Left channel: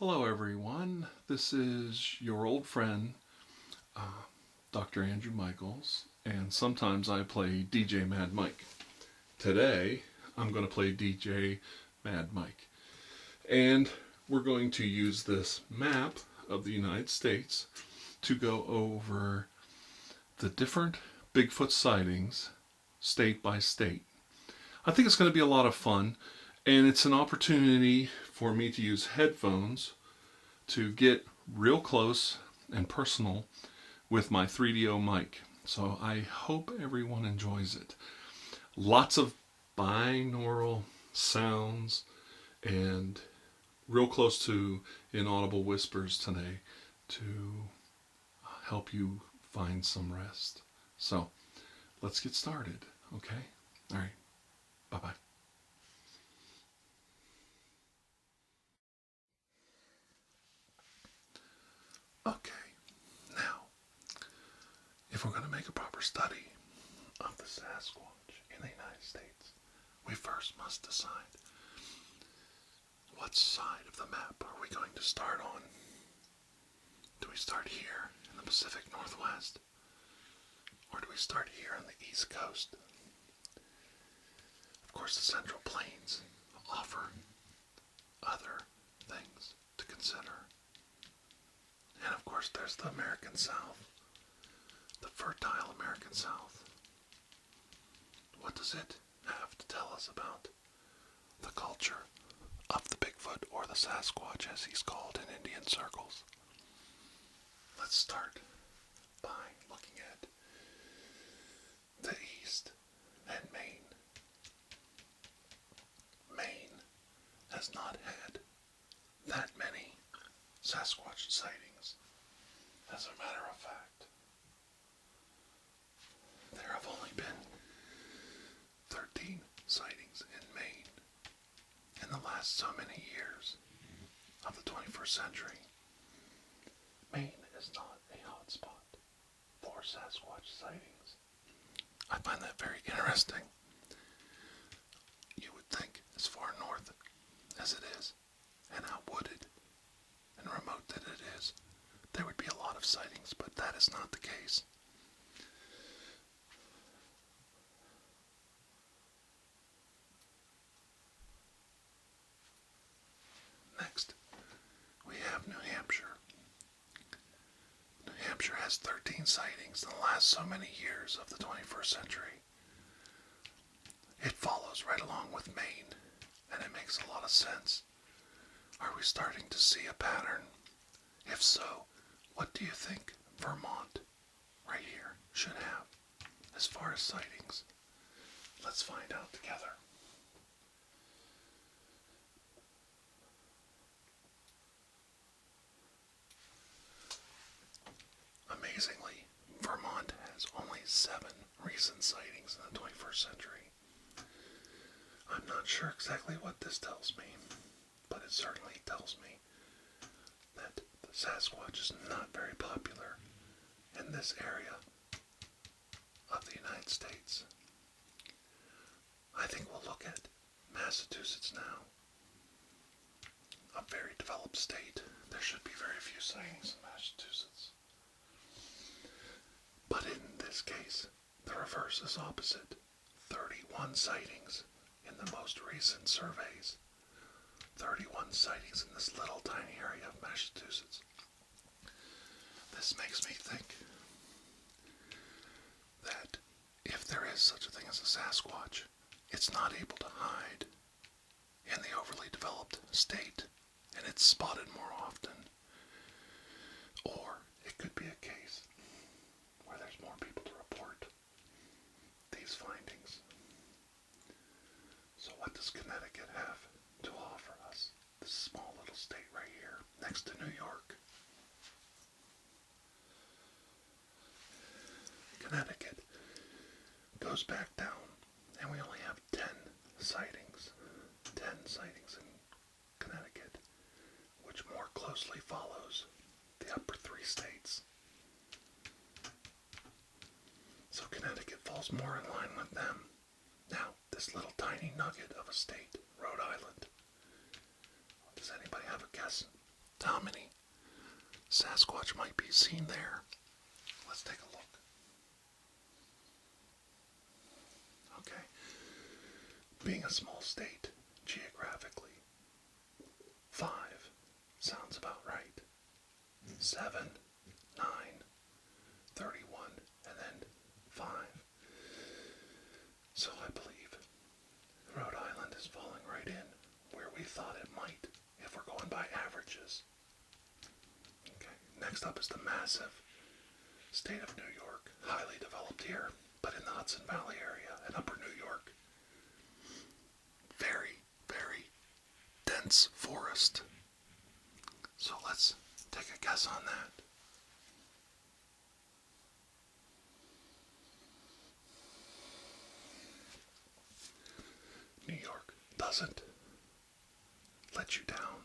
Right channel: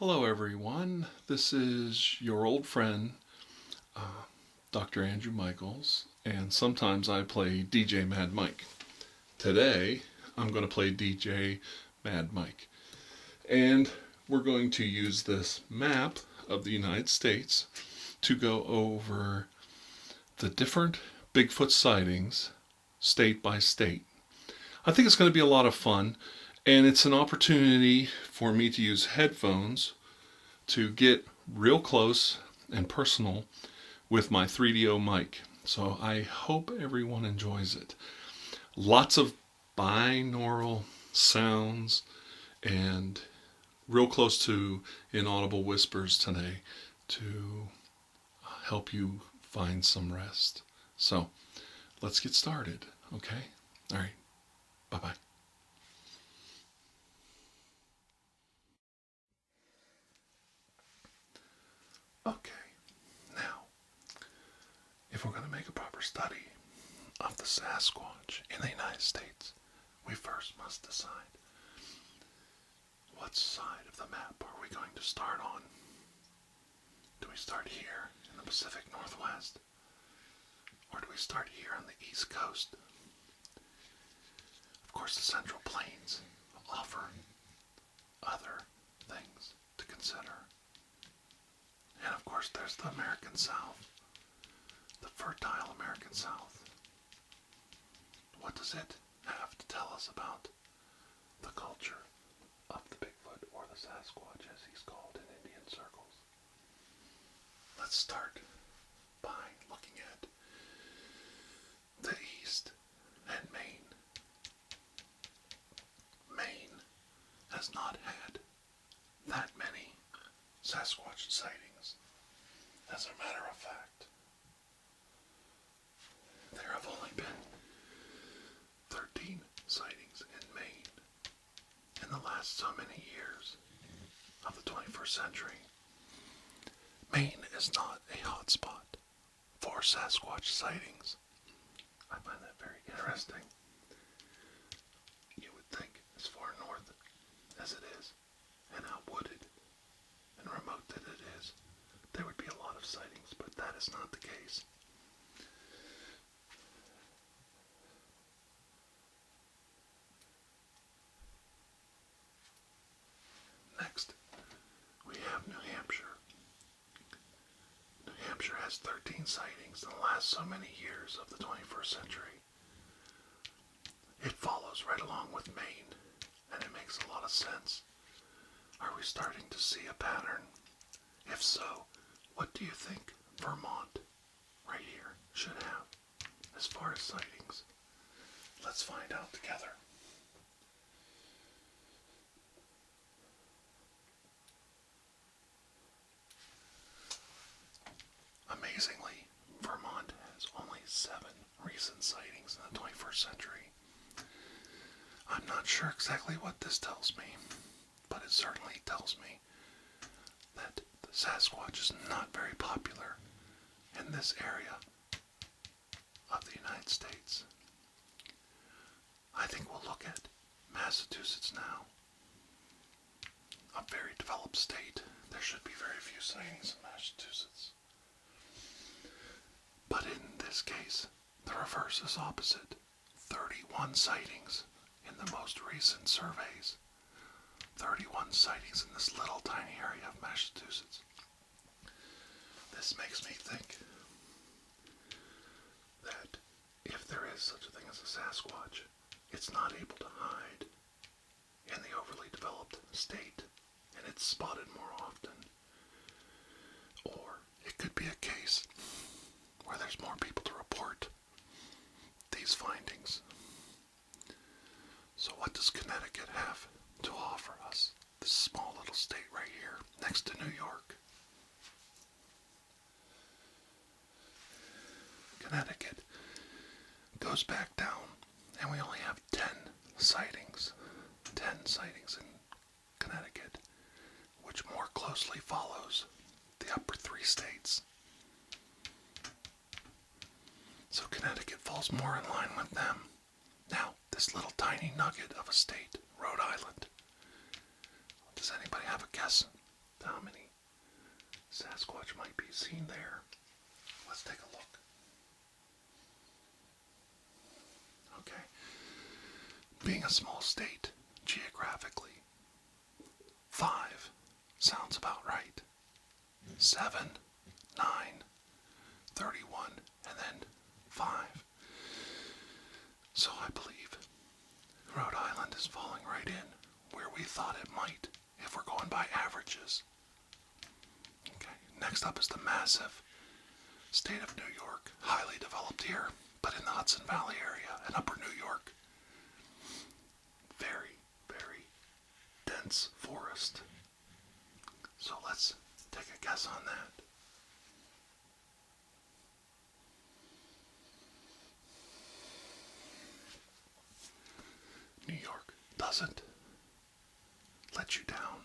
Hello, everyone. This is your old friend, Dr. Andrew Michaels, and sometimes I play DJ Mad Mike. Today, I'm going to play DJ Mad Mike, and we're going to use this map of the United States to go over the different Bigfoot sightings state by state. I think it's going to be a lot of fun, and it's an opportunity for me to use headphones to get real close and personal with my 3DO mic. So I hope everyone enjoys it. Lots of binaural sounds and real close to inaudible whispers today to help you find some rest. So let's get started, okay? All right, bye-bye. Okay, now, if we're going to make a proper study of the Sasquatch in the United States, we first must decide what side of the map are we going to start on. Do we start here in the Pacific Northwest? Or do we start here on the East Coast? Of course, the Central Plains offer other things to consider. And of course, there's the American South, the fertile American South. What does it have to tell us about the culture of the Bigfoot, or the Sasquatch as he's called in Indian circles? Let's start by looking at the East and Maine. Maine has not had that many Sasquatch sightings. As a matter of fact, there have only been 13 sightings in Maine in the last so many years of the 21st century. Maine is not a hotspot for Sasquatch sightings. I find that very interesting. You would think, as far north as it is, and how wooded and remote that it is, there would be a lot of sightings, but that is not the case. Next, we have New Hampshire. New Hampshire has 13 sightings in the last so many years of the 21st century. It follows right along with Maine, and it makes a lot of sense. Are we starting to see a pattern? If so, what do you think Vermont, right here, should have as far as sightings? Let's find out together. Amazingly, Vermont has only 7 recent sightings in the 21st century. I'm not sure exactly what this tells me, but it certainly tells me that the Sasquatch is not very popular in this area of the United States. I think we'll look at Massachusetts now. A very developed state. There should be very few sightings in Massachusetts. But in this case, the reverse is opposite. 31 sightings in the most recent surveys. 31 sightings in this little tiny area of Massachusetts. This makes me think that if there is such a thing as a Sasquatch, it's not able to hide in the overly developed state, and it's spotted more often. Or it could be a case where there's more people to report these findings. So what does Connecticut have to offer us? This small little state right here, next to New York. Connecticut goes back down, and we only have 10 sightings. 10 sightings in Connecticut, which more closely follows the upper 3 states. So Connecticut falls more in line with them. Now, this little tiny nugget of a state, Rhode Island. Does anybody have a guess how many Sasquatch might be seen there. Let's take a look. Okay. Being a small state, geographically, 5 sounds about right. 7, 9, 31, and then 5. So I believe Rhode Island is falling right in where we thought it might if we're going by averages. Okay, next up is the massive state of New York, highly developed here, but in the Hudson Valley area and upper New York. Very, very dense forest. So let's take a guess on that. New York doesn't let you down.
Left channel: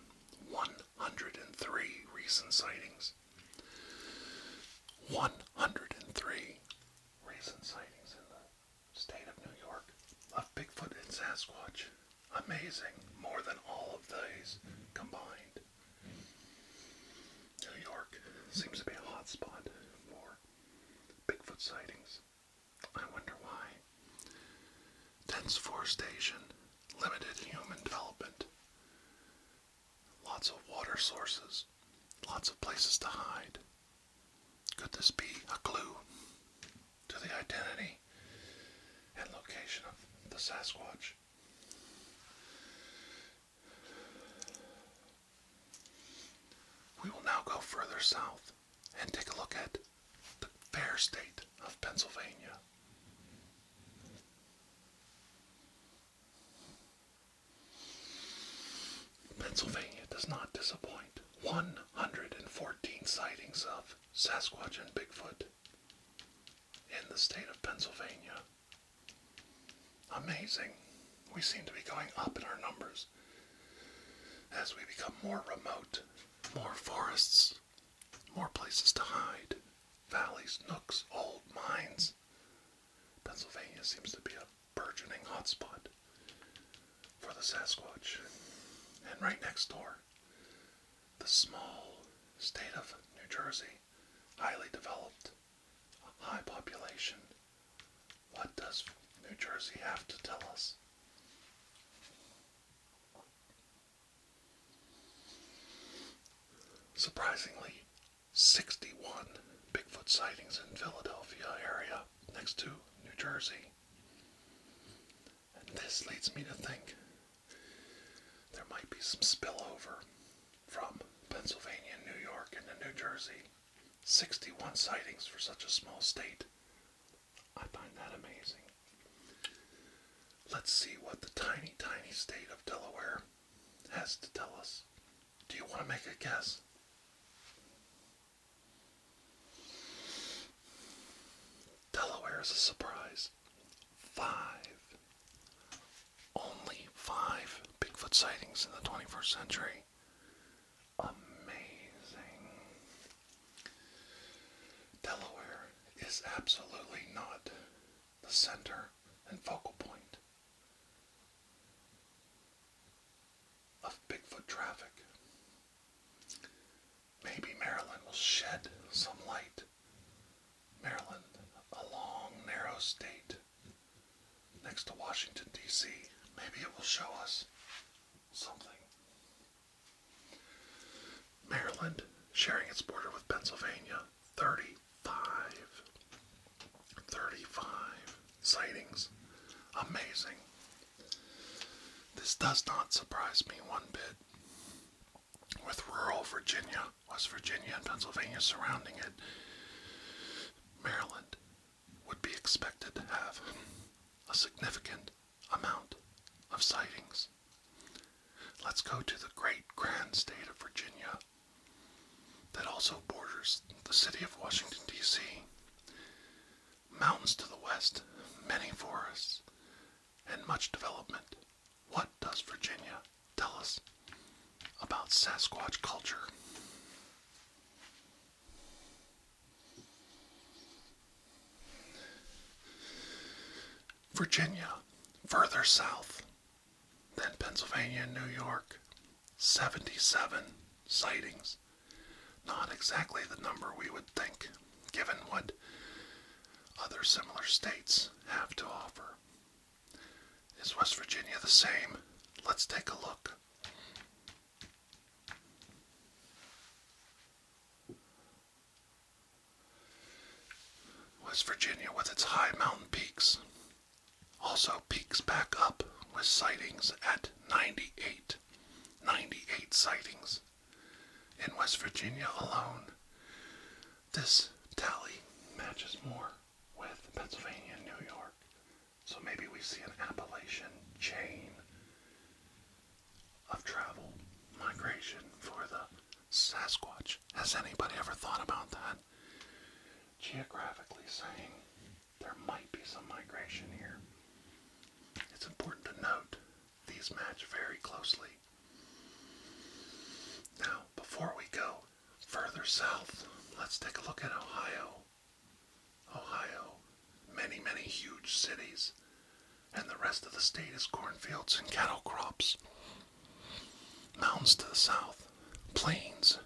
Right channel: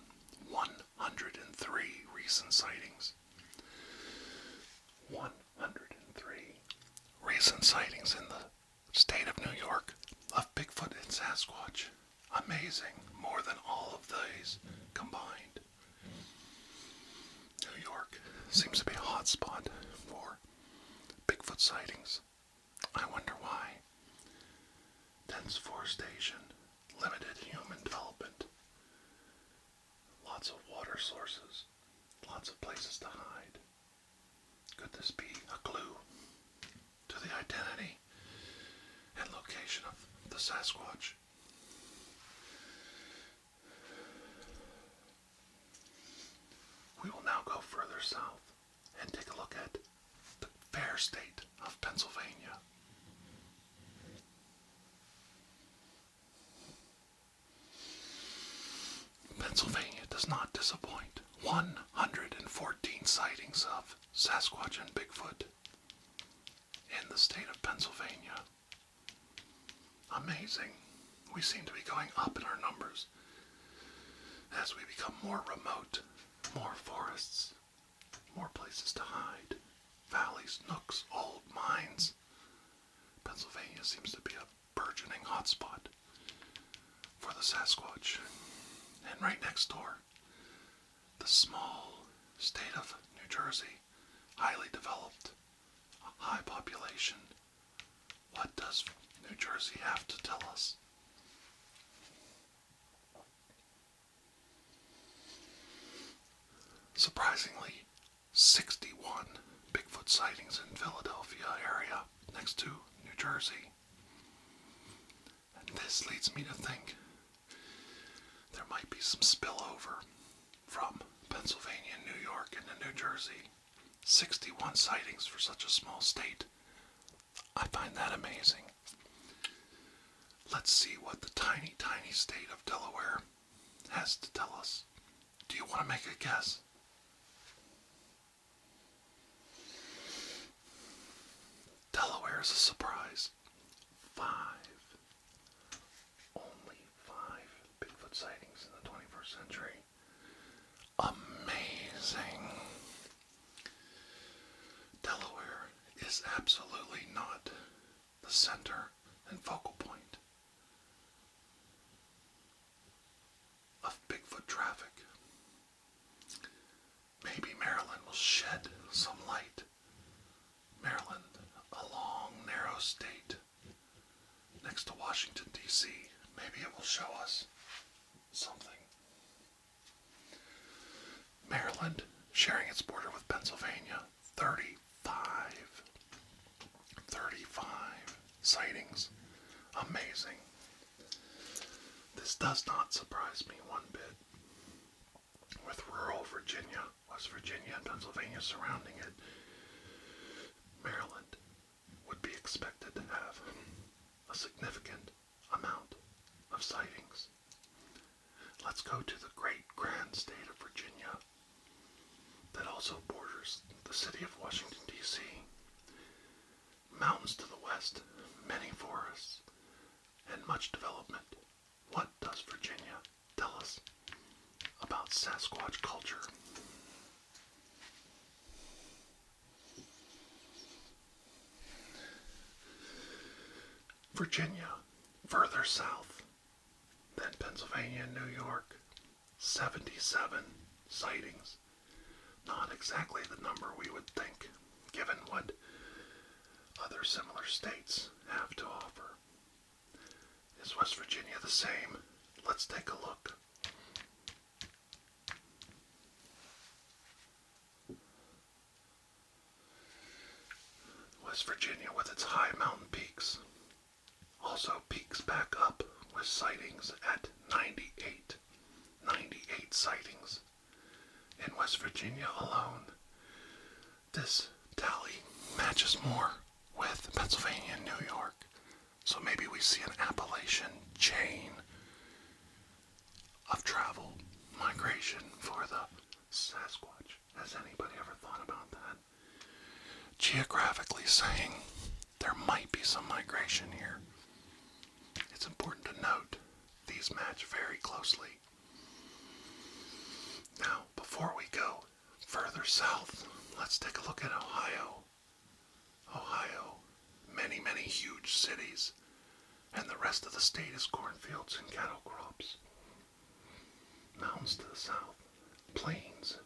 103 recent sightings. 103 recent sightings in the state of New York of Bigfoot and Sasquatch. Amazing. More than all of these combined. New York seems to be a hotspot for Bigfoot sightings. I wonder why. Dense forestation, limited human development, lots of water sources, lots of places to hide. Could this be a clue to the identity and location of the Sasquatch? We will now go further south and take a look at the fair state of Pennsylvania. Pennsylvania does not disappoint. 114 sightings of Sasquatch and Bigfoot in the state of Pennsylvania. Amazing. We seem to be going up in our numbers as we become more remote, more forests, more places to hide, valleys, nooks, old mines. Pennsylvania seems to be a burgeoning hotspot for the Sasquatch. And right next door, the small state of New Jersey, highly developed, high population. What does New Jersey have to tell us? Surprisingly, 61 Bigfoot sightings in Philadelphia area next to New Jersey. And this leads me to think there might be some spillover from Pennsylvania and New York into New Jersey. 61 sightings for such a small state. I find that amazing. Let's see what the tiny, tiny state of Delaware has to tell us. Do you want to make a guess? Delaware is a surprise. 5. Only 5 Bigfoot sightings in the 21st century. Amazing. Delaware is absolutely not the center and focal point of Bigfoot traffic. Maybe Maryland will shed some light. Maryland, a long, narrow state next to Washington, D.C. Maybe it will show us something. Maryland, sharing its border with Pennsylvania, 35 sightings. Amazing. This does not surprise me one bit. With rural Virginia, West Virginia, and Pennsylvania surrounding it, Maryland would be expected to have a significant amount of sightings. Let's go to the great grand state of Virginia that also borders the city of Washington, D.C. Mountains to the west, many forests, and much development. What does Virginia tell us about Sasquatch culture? Virginia, further south than Pennsylvania and New York, 77 sightings. Not exactly the number we would think, given what other similar states have to offer. Is West Virginia the same? Let's take a look. West Virginia, with its high mountain peaks, also peaks back up with sightings at 98. 98 sightings in West Virginia alone. This tally matches more with Pennsylvania and New York. So maybe we see an Appalachian chain of travel, migration for the Sasquatch. Has anybody ever thought about that? Geographically saying there might be some migration here. It's important to note these match very closely. Now, before we go further south, let's take a look at Ohio. Ohio, many, many huge cities, and the rest of the state is cornfields and cattle crops. Mountains to the south, plains,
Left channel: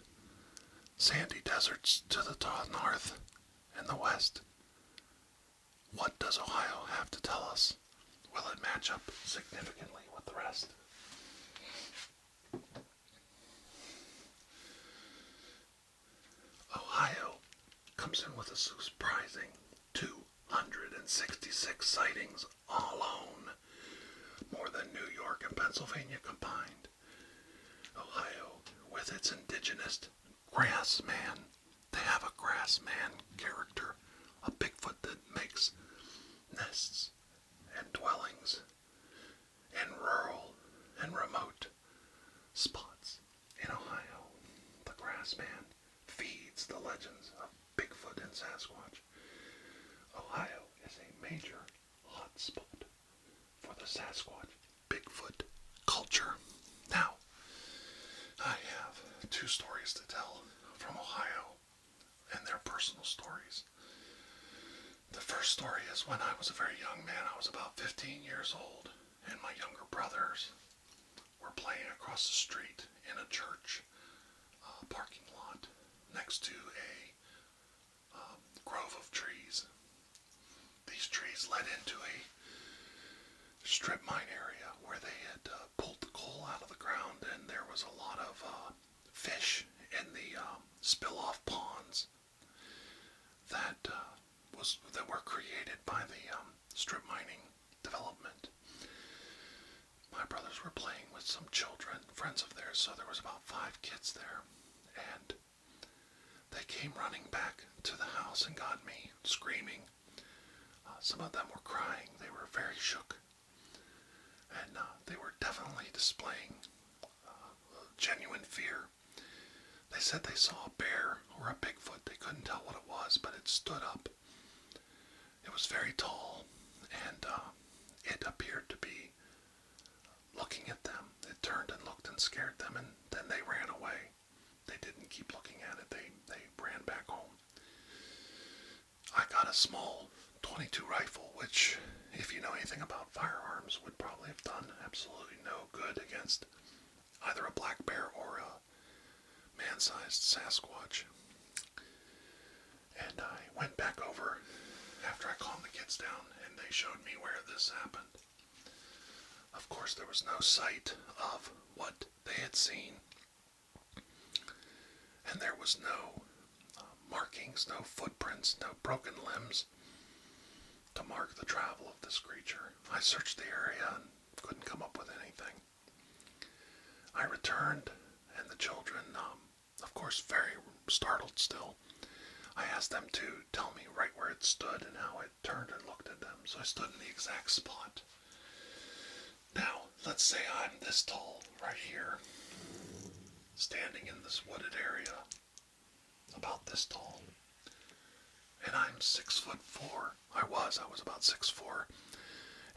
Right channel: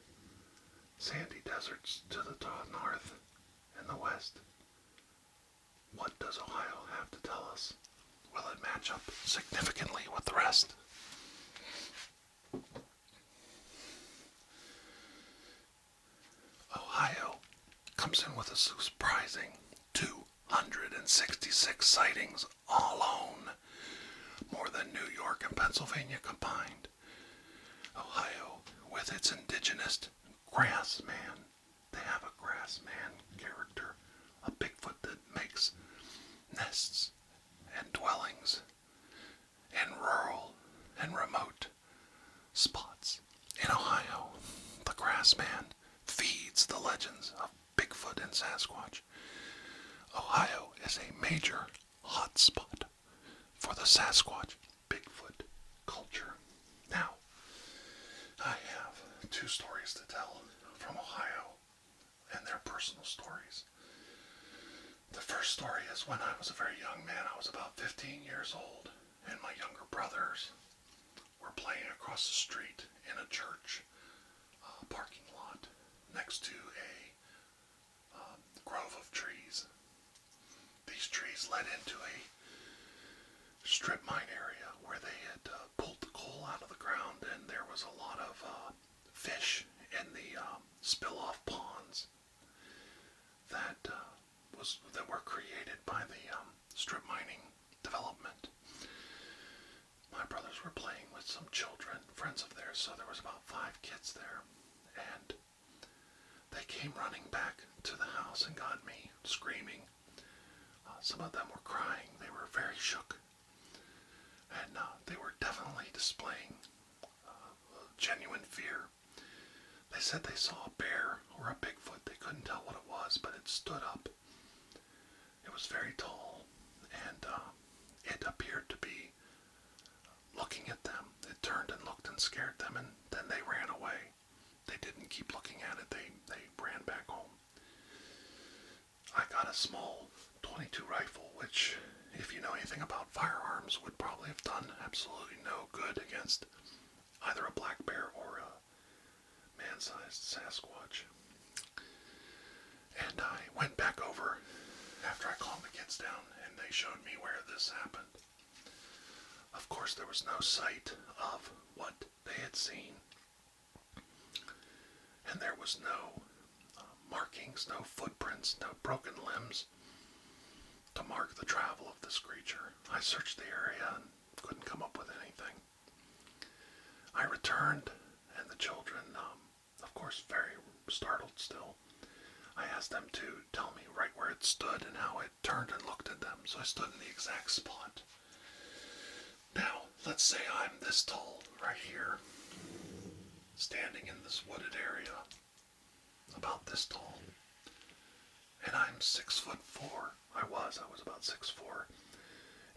sandy deserts to the north and the west. What does Ohio have to tell us? Will it match up significantly with the rest? Ohio comes in with a surprising 266 sightings alone, more than New York and Pennsylvania combined. Ohio, with its indigenous grass man, they have a grass man character, a Bigfoot that makes nests and dwellings in rural and remote spots. In Ohio, the grass man feeds the legends of Bigfoot and Sasquatch. Ohio is a major hotspot for the Sasquatch Bigfoot culture. Now, I have two stories to tell from Ohio, and they're personal stories. The first story is when I was a very young man. I was about 15 years old, and my younger brothers were playing across the street in a church parking lot next to a grove of trees. These trees led into a strip mine area where they had pulled the coal out of the ground, and there was a lot of fish in the spill-off ponds that were created by the strip mining development. My brothers were playing with some children, friends of theirs, so there was about 5 kids there, and they came running back to the house and got me screaming. Some of them were crying. They were very shook, and they were definitely displaying genuine fear. They said they saw a bear or a Bigfoot. They couldn't tell what it was, but it stood up. It was very tall, and it appeared to be looking at them. It turned and looked and scared them, and then they ran away. They didn't keep looking at it. They ran back home. I got a small .22 rifle, which, if you know anything about firearms, would probably have done absolutely no good against either a black bear or a man-sized Sasquatch. And I went back over after I calmed the kids down, and they showed me where this happened. Of course, there was no sight of what they had seen, and there was no markings, no footprints, no broken limbs to mark the travel of this creature. I searched the area and couldn't come up with anything. I returned, and the children, of course, very startled still. I asked them to tell me right where it stood and how it turned and looked at them, so I stood in the exact spot. Now, let's say I'm this tall right here, standing in this wooded area, about this tall, and I'm 6'4". I was about 6'4",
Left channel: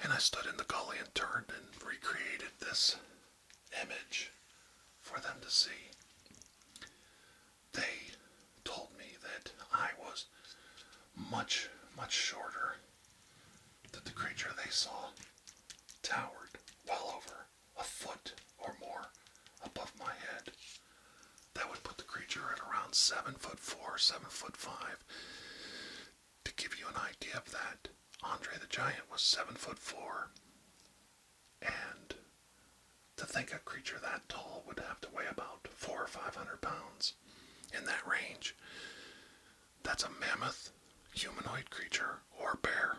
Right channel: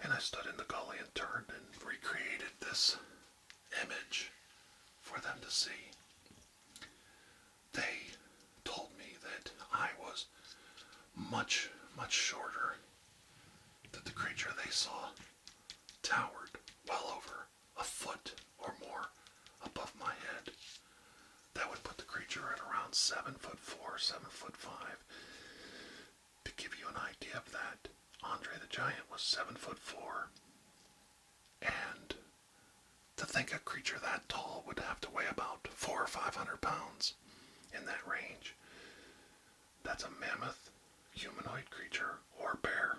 and I stood in the gully and turned and recreated this image for them to see. They told me that I was much, much shorter, that the creature they saw towered well over a foot or more above my head, that around 7'4", 7'5". To give you an idea of that, Andre the Giant was 7'4", and to think a creature that tall would have to weigh about 400 or 500 pounds in that range. That's a mammoth, humanoid creature, or bear.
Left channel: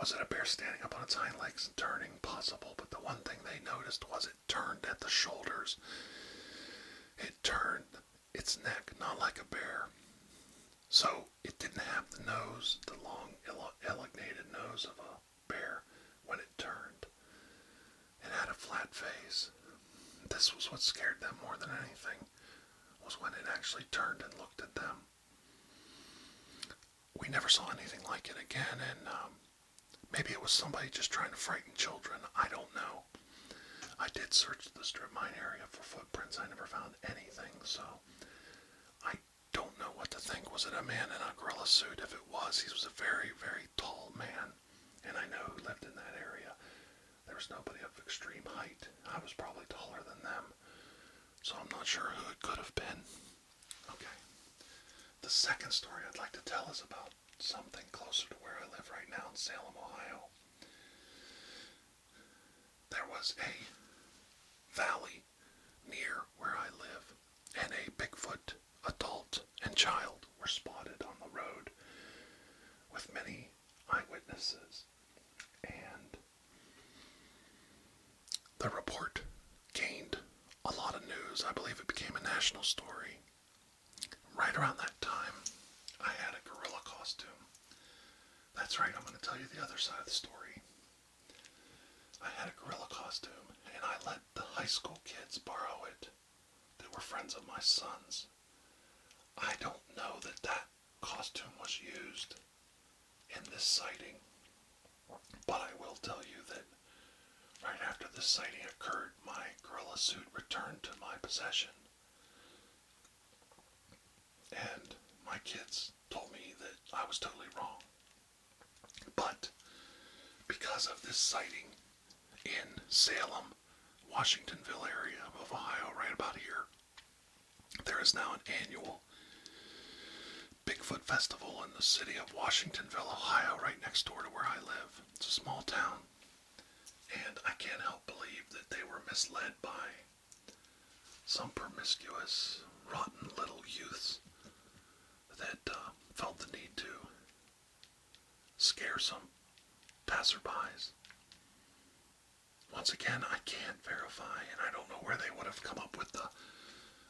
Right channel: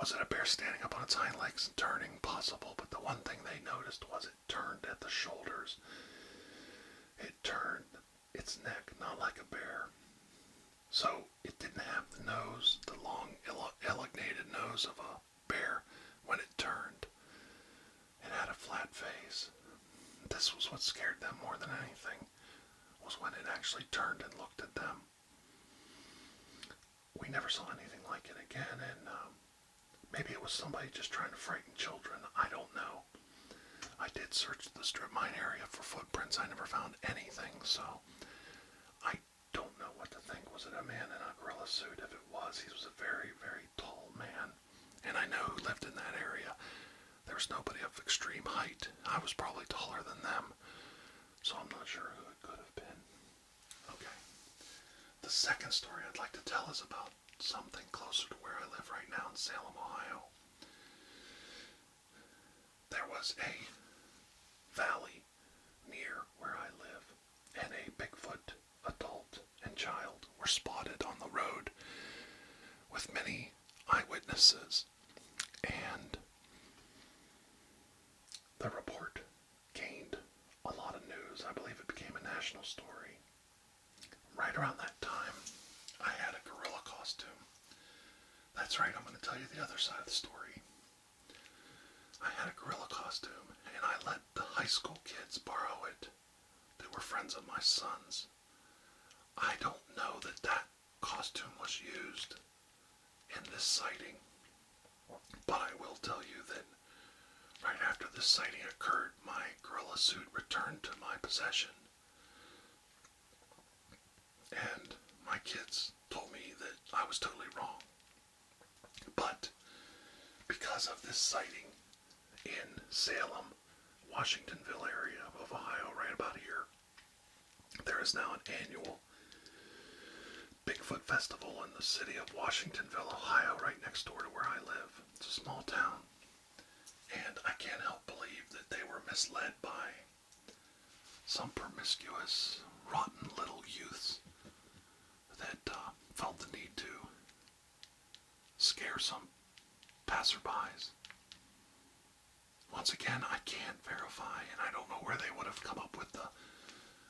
Was it a bear standing up on its hind legs and turning? Possible, but the one thing they noticed was it turned at the shoulders. It turned its neck, not like a bear. So it didn't have the nose, the long, elongated nose of a bear when it turned. It had a flat face. This was what scared them more than anything, was when it actually turned and looked at them. We never saw anything like it again, and maybe it was somebody just trying to frighten children. I don't know. I did search the strip mine area for footprints. I never found anything, so I don't know what to think. Was it a man in a gorilla suit? If it was, he was a very, very tall man, and I know who lived in that area. There was nobody of extreme height. I was probably taller than them, so I'm not sure who it could have been. Okay. The second story I'd like to tell is about something closer to where I live right now in Salem, Ohio. There was a valley near where I live, and a Bigfoot adult and child were spotted on the road with many eyewitnesses, and the report gained a lot of news. I believe it became a national story. Right around that time, I had a gorilla costume. That's right, I'm going to tell you the other side of the story. I had a gorilla costume, and I let the high school kids borrow it. They were friends of my son's. I don't know that that costume was used in this sighting, but I will tell you that right after this sighting occurred, my gorilla suit returned to my possession. And my kids told me that I was totally wrong. But because of this sighting in Salem, Washingtonville area of Ohio, right about here, there is now an annual Bigfoot festival in the city of Washingtonville, Ohio, right next door to where I live. It's a small town. And I can't help believe that they were misled by some promiscuous, rotten little youths that felt the need to scare some passerbys. Once again, I can't verify, and I don't know where they would have come up with the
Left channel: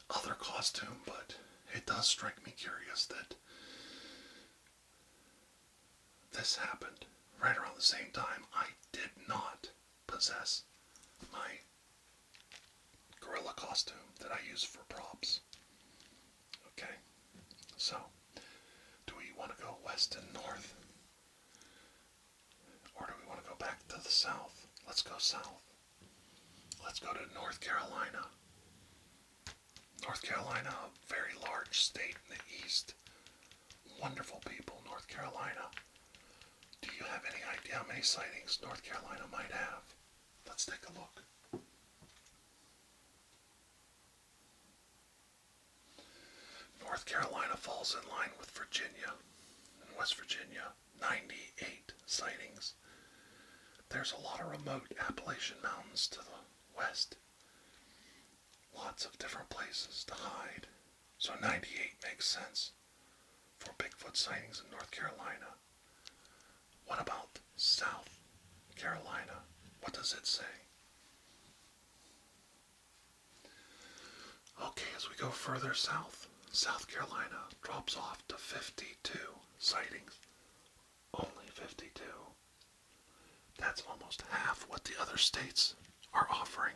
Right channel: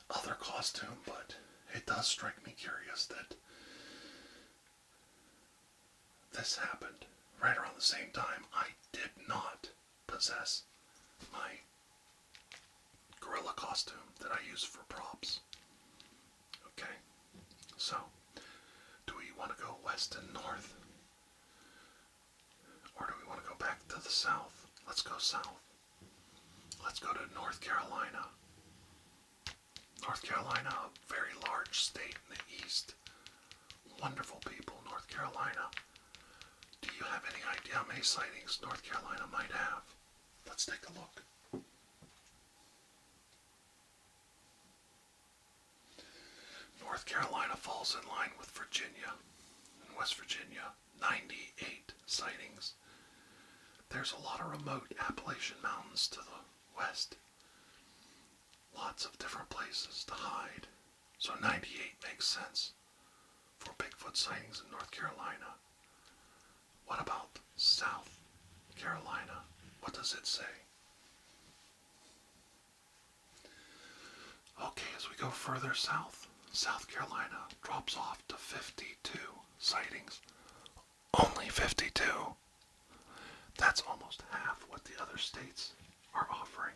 other costume, but it does strike me curious that this happened right around the same time. I did not possess my gorilla costume that I use for props. Okay, so do we want to go west and north? Or do we want to go back to the south? Let's go south. Let's go to North Carolina. North Carolina, a very large state in the east. Wonderful people, North Carolina. Do you have any idea how many sightings North Carolina might have? Let's take a look. North Carolina falls in line with Virginia and West Virginia, 98 sightings. There's a lot of remote Appalachian mountains to the west. Lots of different places to hide. So 98 makes sense for Bigfoot sightings in North Carolina. What about South Carolina? What does it say? Okay, as we go further south, South Carolina drops off to 52 sightings. Only 52. That's almost half what the other states are offering.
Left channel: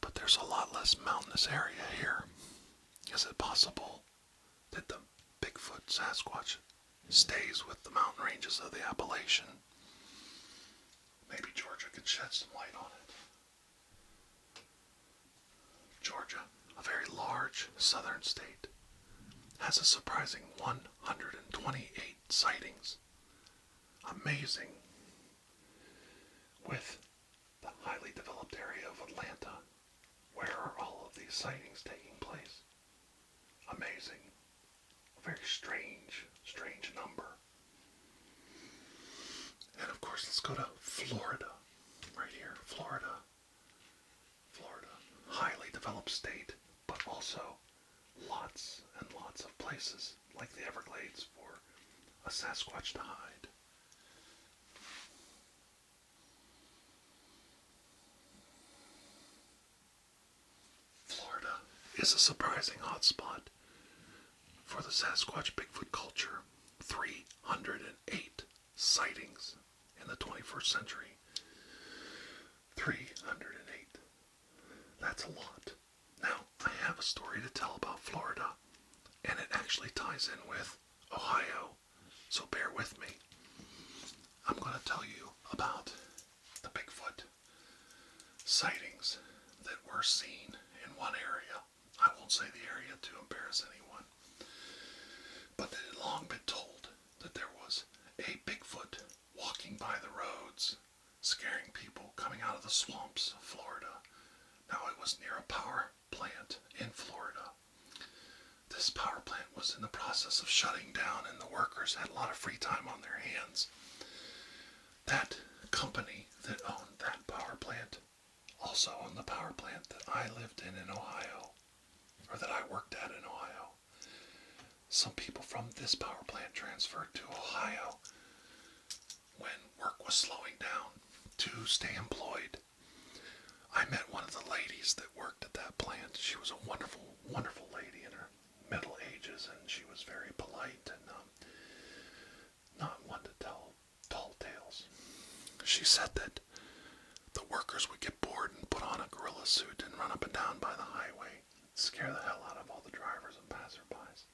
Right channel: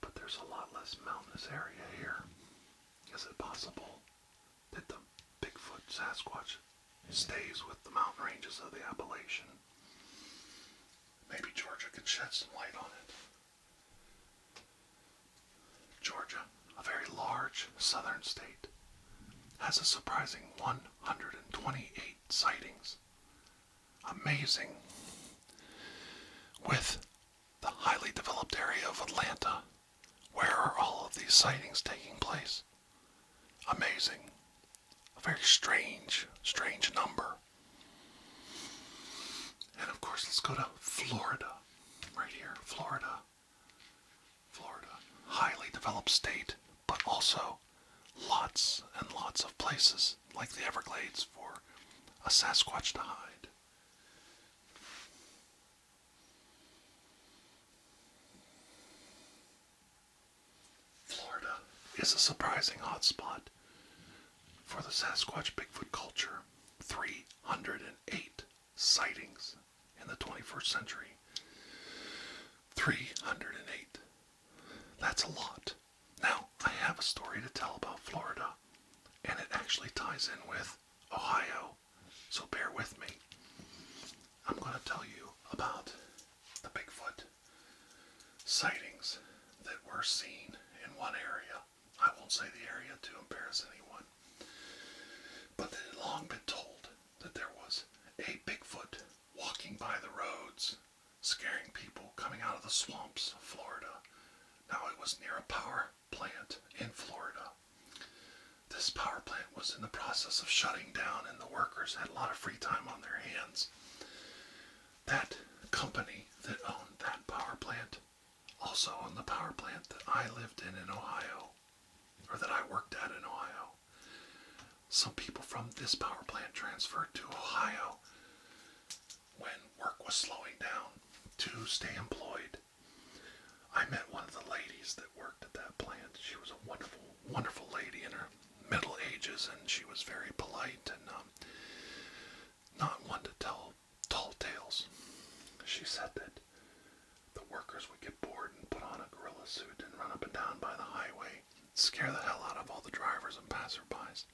But there's a lot less mountainous area here. Is it possible that the Bigfoot Sasquatch stays with the mountain ranges of the Appalachian? Maybe Georgia can shed some light on it. Georgia, a very large southern state, has a surprising 128 sightings. Amazing. With the highly developed area of Atlanta, where are all of these sightings taking place? amazing. A very strange number. And of course, let's go to Florida. Right here, Florida. Highly developed state, but also lots and lots of places, like the Everglades, for a Sasquatch to hide. Florida is a surprising hotspot for the Sasquatch Bigfoot culture. 308 sightings in the 21st century. 308. That's a lot. Now, I have a story to tell about Florida, and it actually ties in with Ohio, so bear with me. I'm going to tell you about the Bigfoot sightings that were seen in one area. I won't say the area to embarrass anyone, but it had long been told that there was a Bigfoot walking by the roads, scaring people coming out of the swamps of Florida. Now, it was near a power plant in Florida. This power plant was in the process of shutting down, and the workers had a lot of free time on their hands. That company that owned that power plant also owned the power plant that I lived in Ohio, or that I worked at in Ohio. Some people from this power plant transferred to Ohio when work was slowing down to stay employed. I met one of the ladies that worked at that plant. She was a wonderful, wonderful lady in her middle ages, and she was very polite and not one to tell tall tales. She said that the workers would get bored and put on a gorilla suit and run up and down by the highway, scare the hell out of all the drivers and passerbys.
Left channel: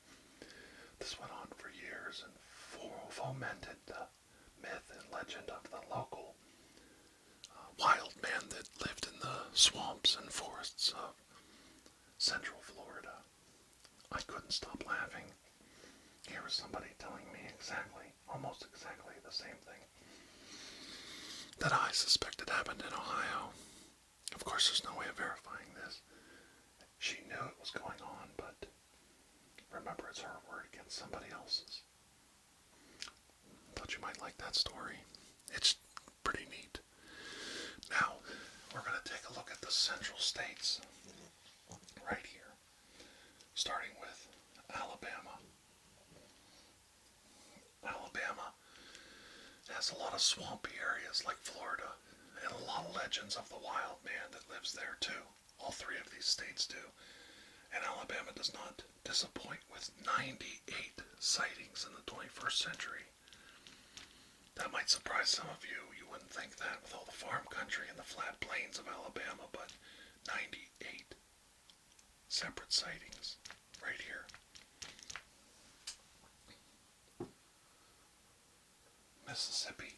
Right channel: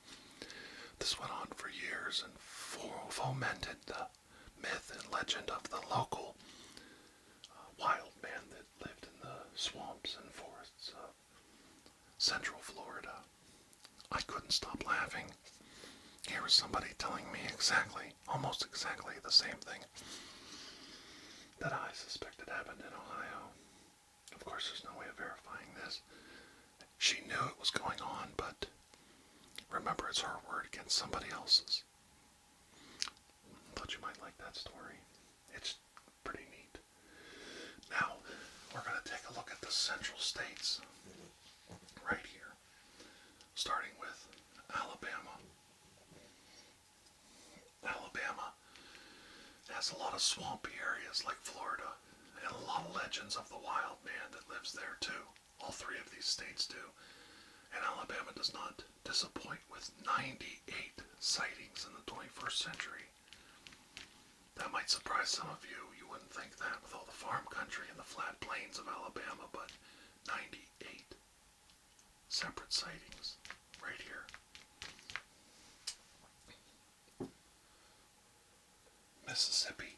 This went on for years and fomented the myth and legend of the local wild man that lived in the swamps and forests of central Florida. I couldn't stop laughing. Here was somebody telling me almost exactly the same thing that I suspected happened in Ohio. Of course, there's no way of verifying this. She knew it was going on, but remember, it's her word against somebody else's. Thought you might like that story. It's pretty neat. Now, we're going to take a look at the central states right here, starting with Alabama. Alabama has a lot of swampy areas like Florida, and a lot of legends of the wild man that lives there too. All three of these states do. And Alabama does not disappoint with 98 sightings in the 21st century. That might surprise some of you. You wouldn't think that with all the farm country and the flat plains of Alabama, but 98 separate sightings right here. Mississippi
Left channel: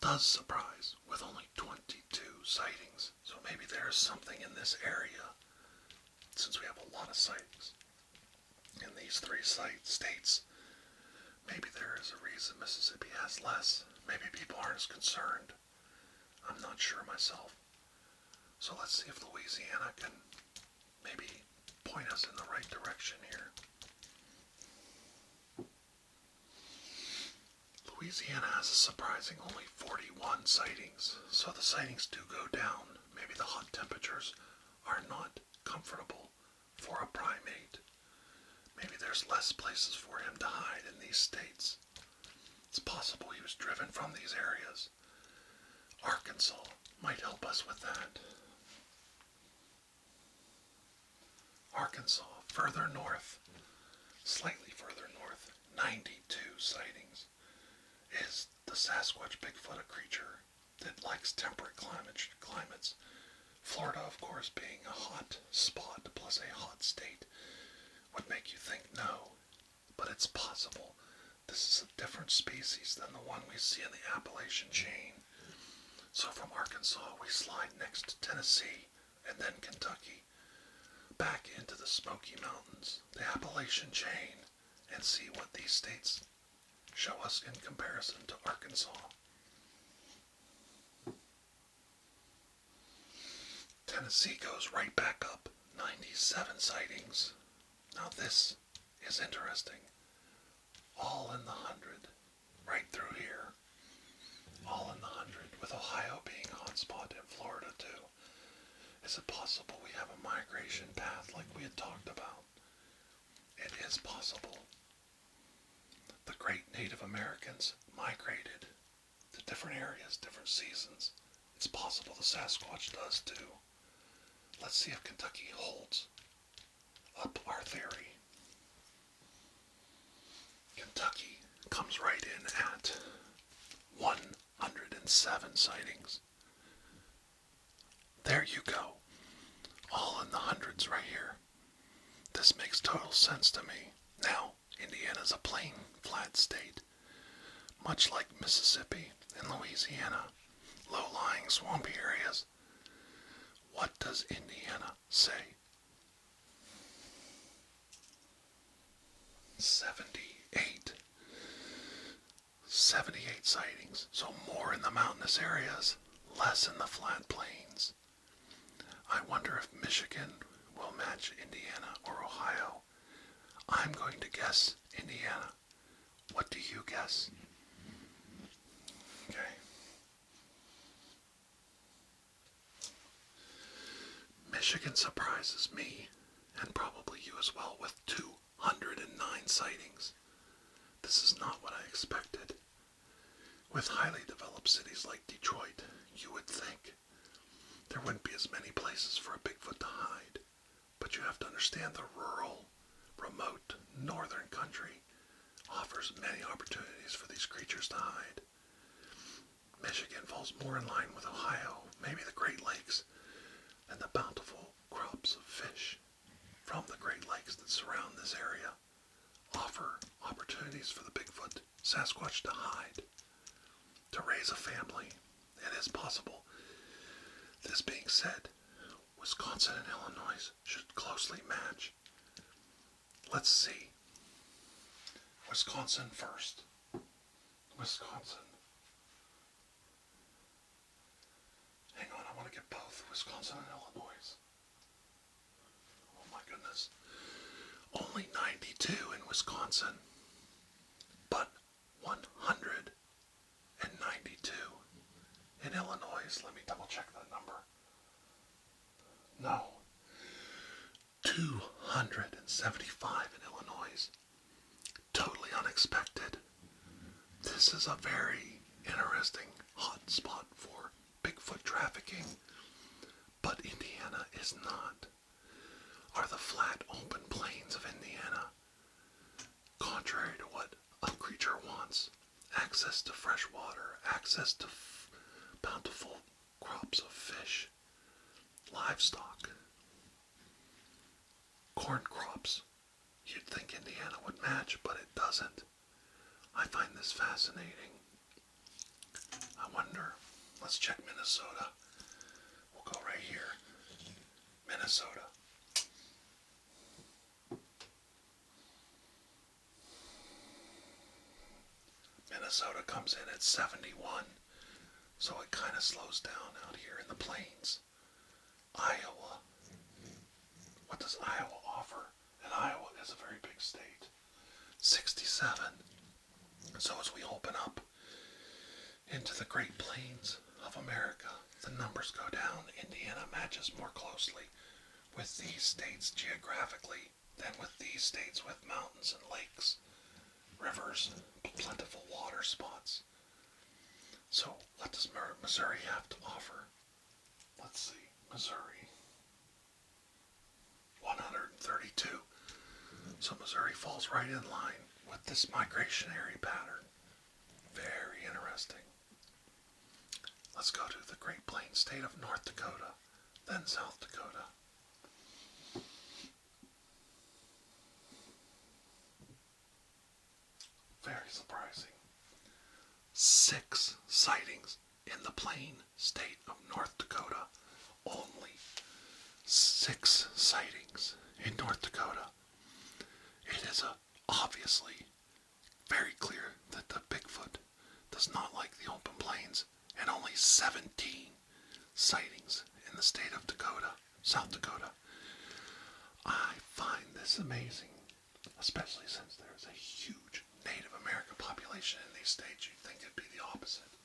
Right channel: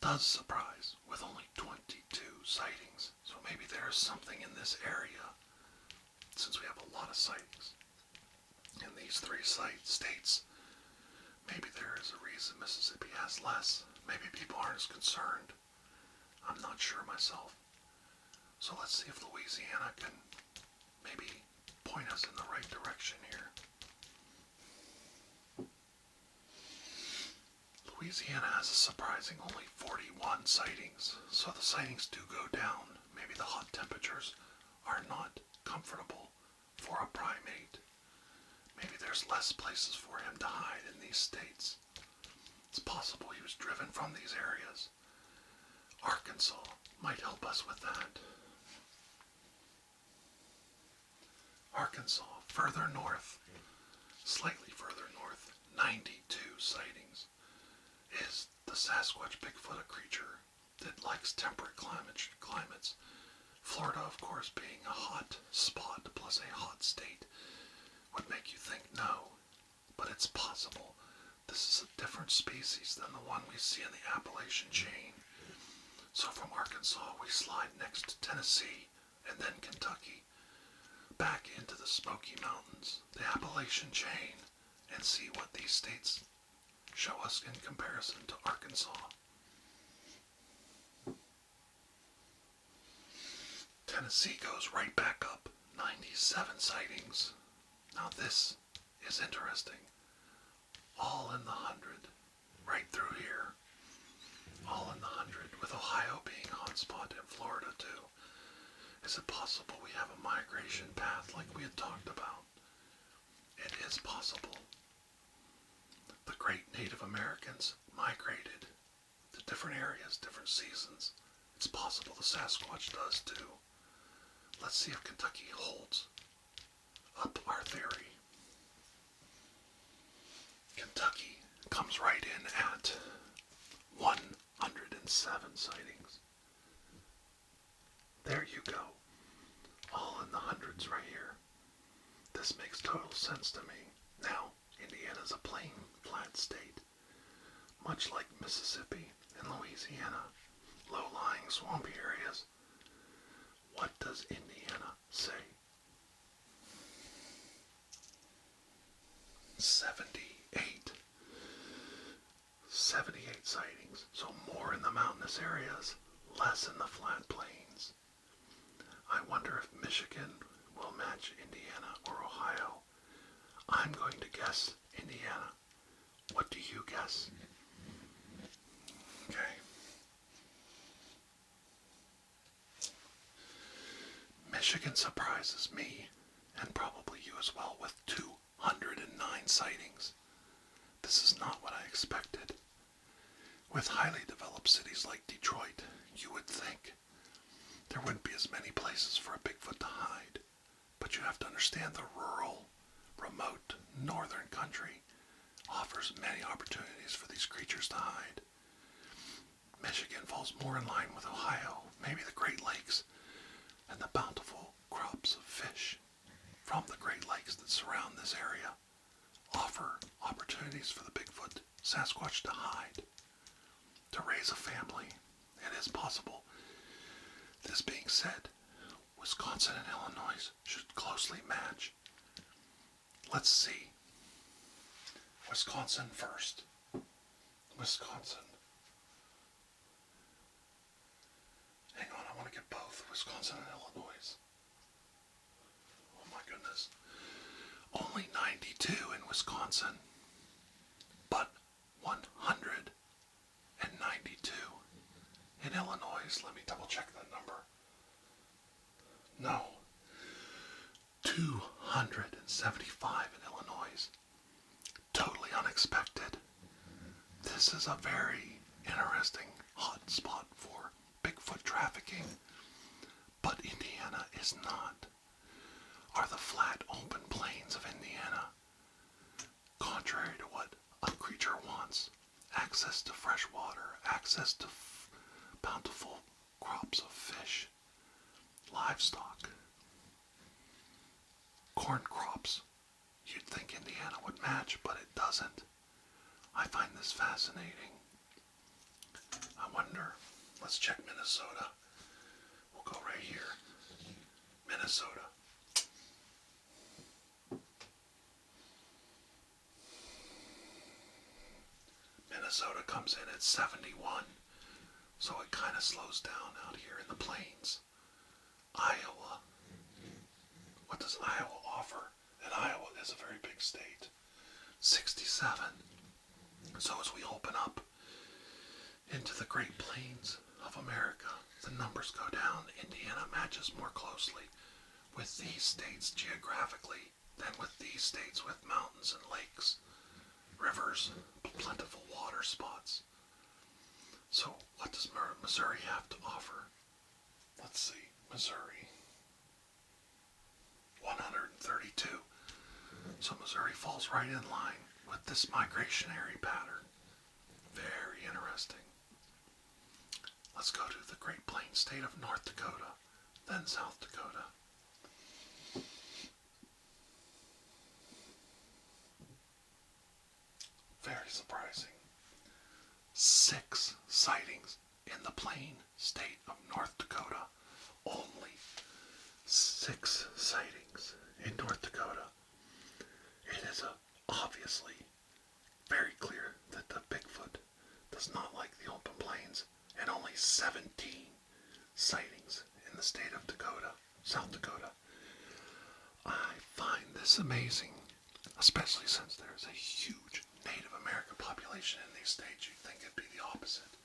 does surprise with only 22 sightings, so maybe there is something in this area, since we have a lot of sightings in these three states. Maybe there is a reason Mississippi has less. Maybe people aren't as concerned. I'm not sure myself. So let's see if Louisiana can maybe point us in the right direction here. Louisiana has a surprising only 41 sightings, so the sightings do go down. Maybe the hot temperatures are not comfortable for a primate. Maybe there's less places for him to hide in these states. It's possible he was driven from these areas. Arkansas might help us with that. Arkansas, further north, slightly further north, 92 sightings. Is the Sasquatch Bigfoot a creature that likes temperate climates? Florida, of course, being a hot spot plus a hot state, would make you think no, but it's possible. This is a different species than the one we see in the Appalachian chain. So from Arkansas, we slide next to Tennessee and then Kentucky, back into the Smoky Mountains, the Appalachian chain, and see what these states show us in comparison to Arkansas. Tennessee goes right back up, 97 sightings. Now this is interesting. All in the 100, right through here. All in the 100, with Ohio being a hotspot and Florida too. Is it possible we have a migration path like we had talked about? It is possible. The great Native Americans migrated to different areas, different seasons. It's possible the Sasquatch does too. Let's see if Kentucky holds up our theory. Kentucky comes right in at 107 sightings. There you go. All in the hundreds right here. This makes total sense to me. Now, Indiana's a plain, flat state, much like Mississippi and Louisiana, low-lying, swampy areas. What does Indiana say? 78. 78 sightings, so more in the mountainous areas, less in the flat plains. I wonder if Michigan will match Indiana or Ohio. I'm going to guess Indiana. What do you guess? Okay. Michigan surprises me, and probably you as well, with 209 sightings. This is not what I expected. With highly developed cities like Detroit, you would think there wouldn't be as many places for a Bigfoot to hide. But you have to understand the rural, remote, northern country offers many opportunities for these creatures to hide. Michigan falls more in line with Ohio, maybe the Great Lakes, and the bountiful crops of fish from the Great Lakes that surround this area offer opportunities for the Bigfoot Sasquatch to hide, to raise a family. It is possible. This being said, Wisconsin and Illinois should closely match. Let's see. Wisconsin first. Wisconsin. Hang on, I want to get both Wisconsin and Illinois. Oh my goodness. Only 92 in Wisconsin, but 192 in Illinois. Let me double check that number. No. 275 in Illinois. Totally unexpected. This is a very interesting hot spot for Bigfoot trafficking, but Indiana is not. Are the flat, open plains of Indiana, contrary to what a creature wants, access to fresh water, access to bountiful crops of fish, livestock, corn crops. You'd think Indiana would match, but it doesn't. I find this fascinating. I wonder, let's check Minnesota. We'll go right here. Minnesota. Minnesota comes in at 71, so it kind of slows down out here in the plains. Iowa. What does Iowa offer? And Iowa is a very big state. 67. So as we open up into the Great Plains of America, the numbers go down. Indiana matches more closely with these states geographically than with these states with mountains and lakes, rivers, plentiful water spots. So what does Missouri have to offer? Let's see. Missouri. 132. So Missouri falls right in line with this migrationary pattern. Very interesting. Let's go to the Great Plains state of North Dakota, then South Dakota. Very surprising. 6 sightings in the plain state of North Dakota. Only 6 sightings in North Dakota. It is obviously very clear that the Bigfoot does not like the open plains, and only 17 sightings in the state of Dakota, South Dakota. I find this is amazing, especially since there's a huge Native American population in these states. You'd think it'd be the opposite,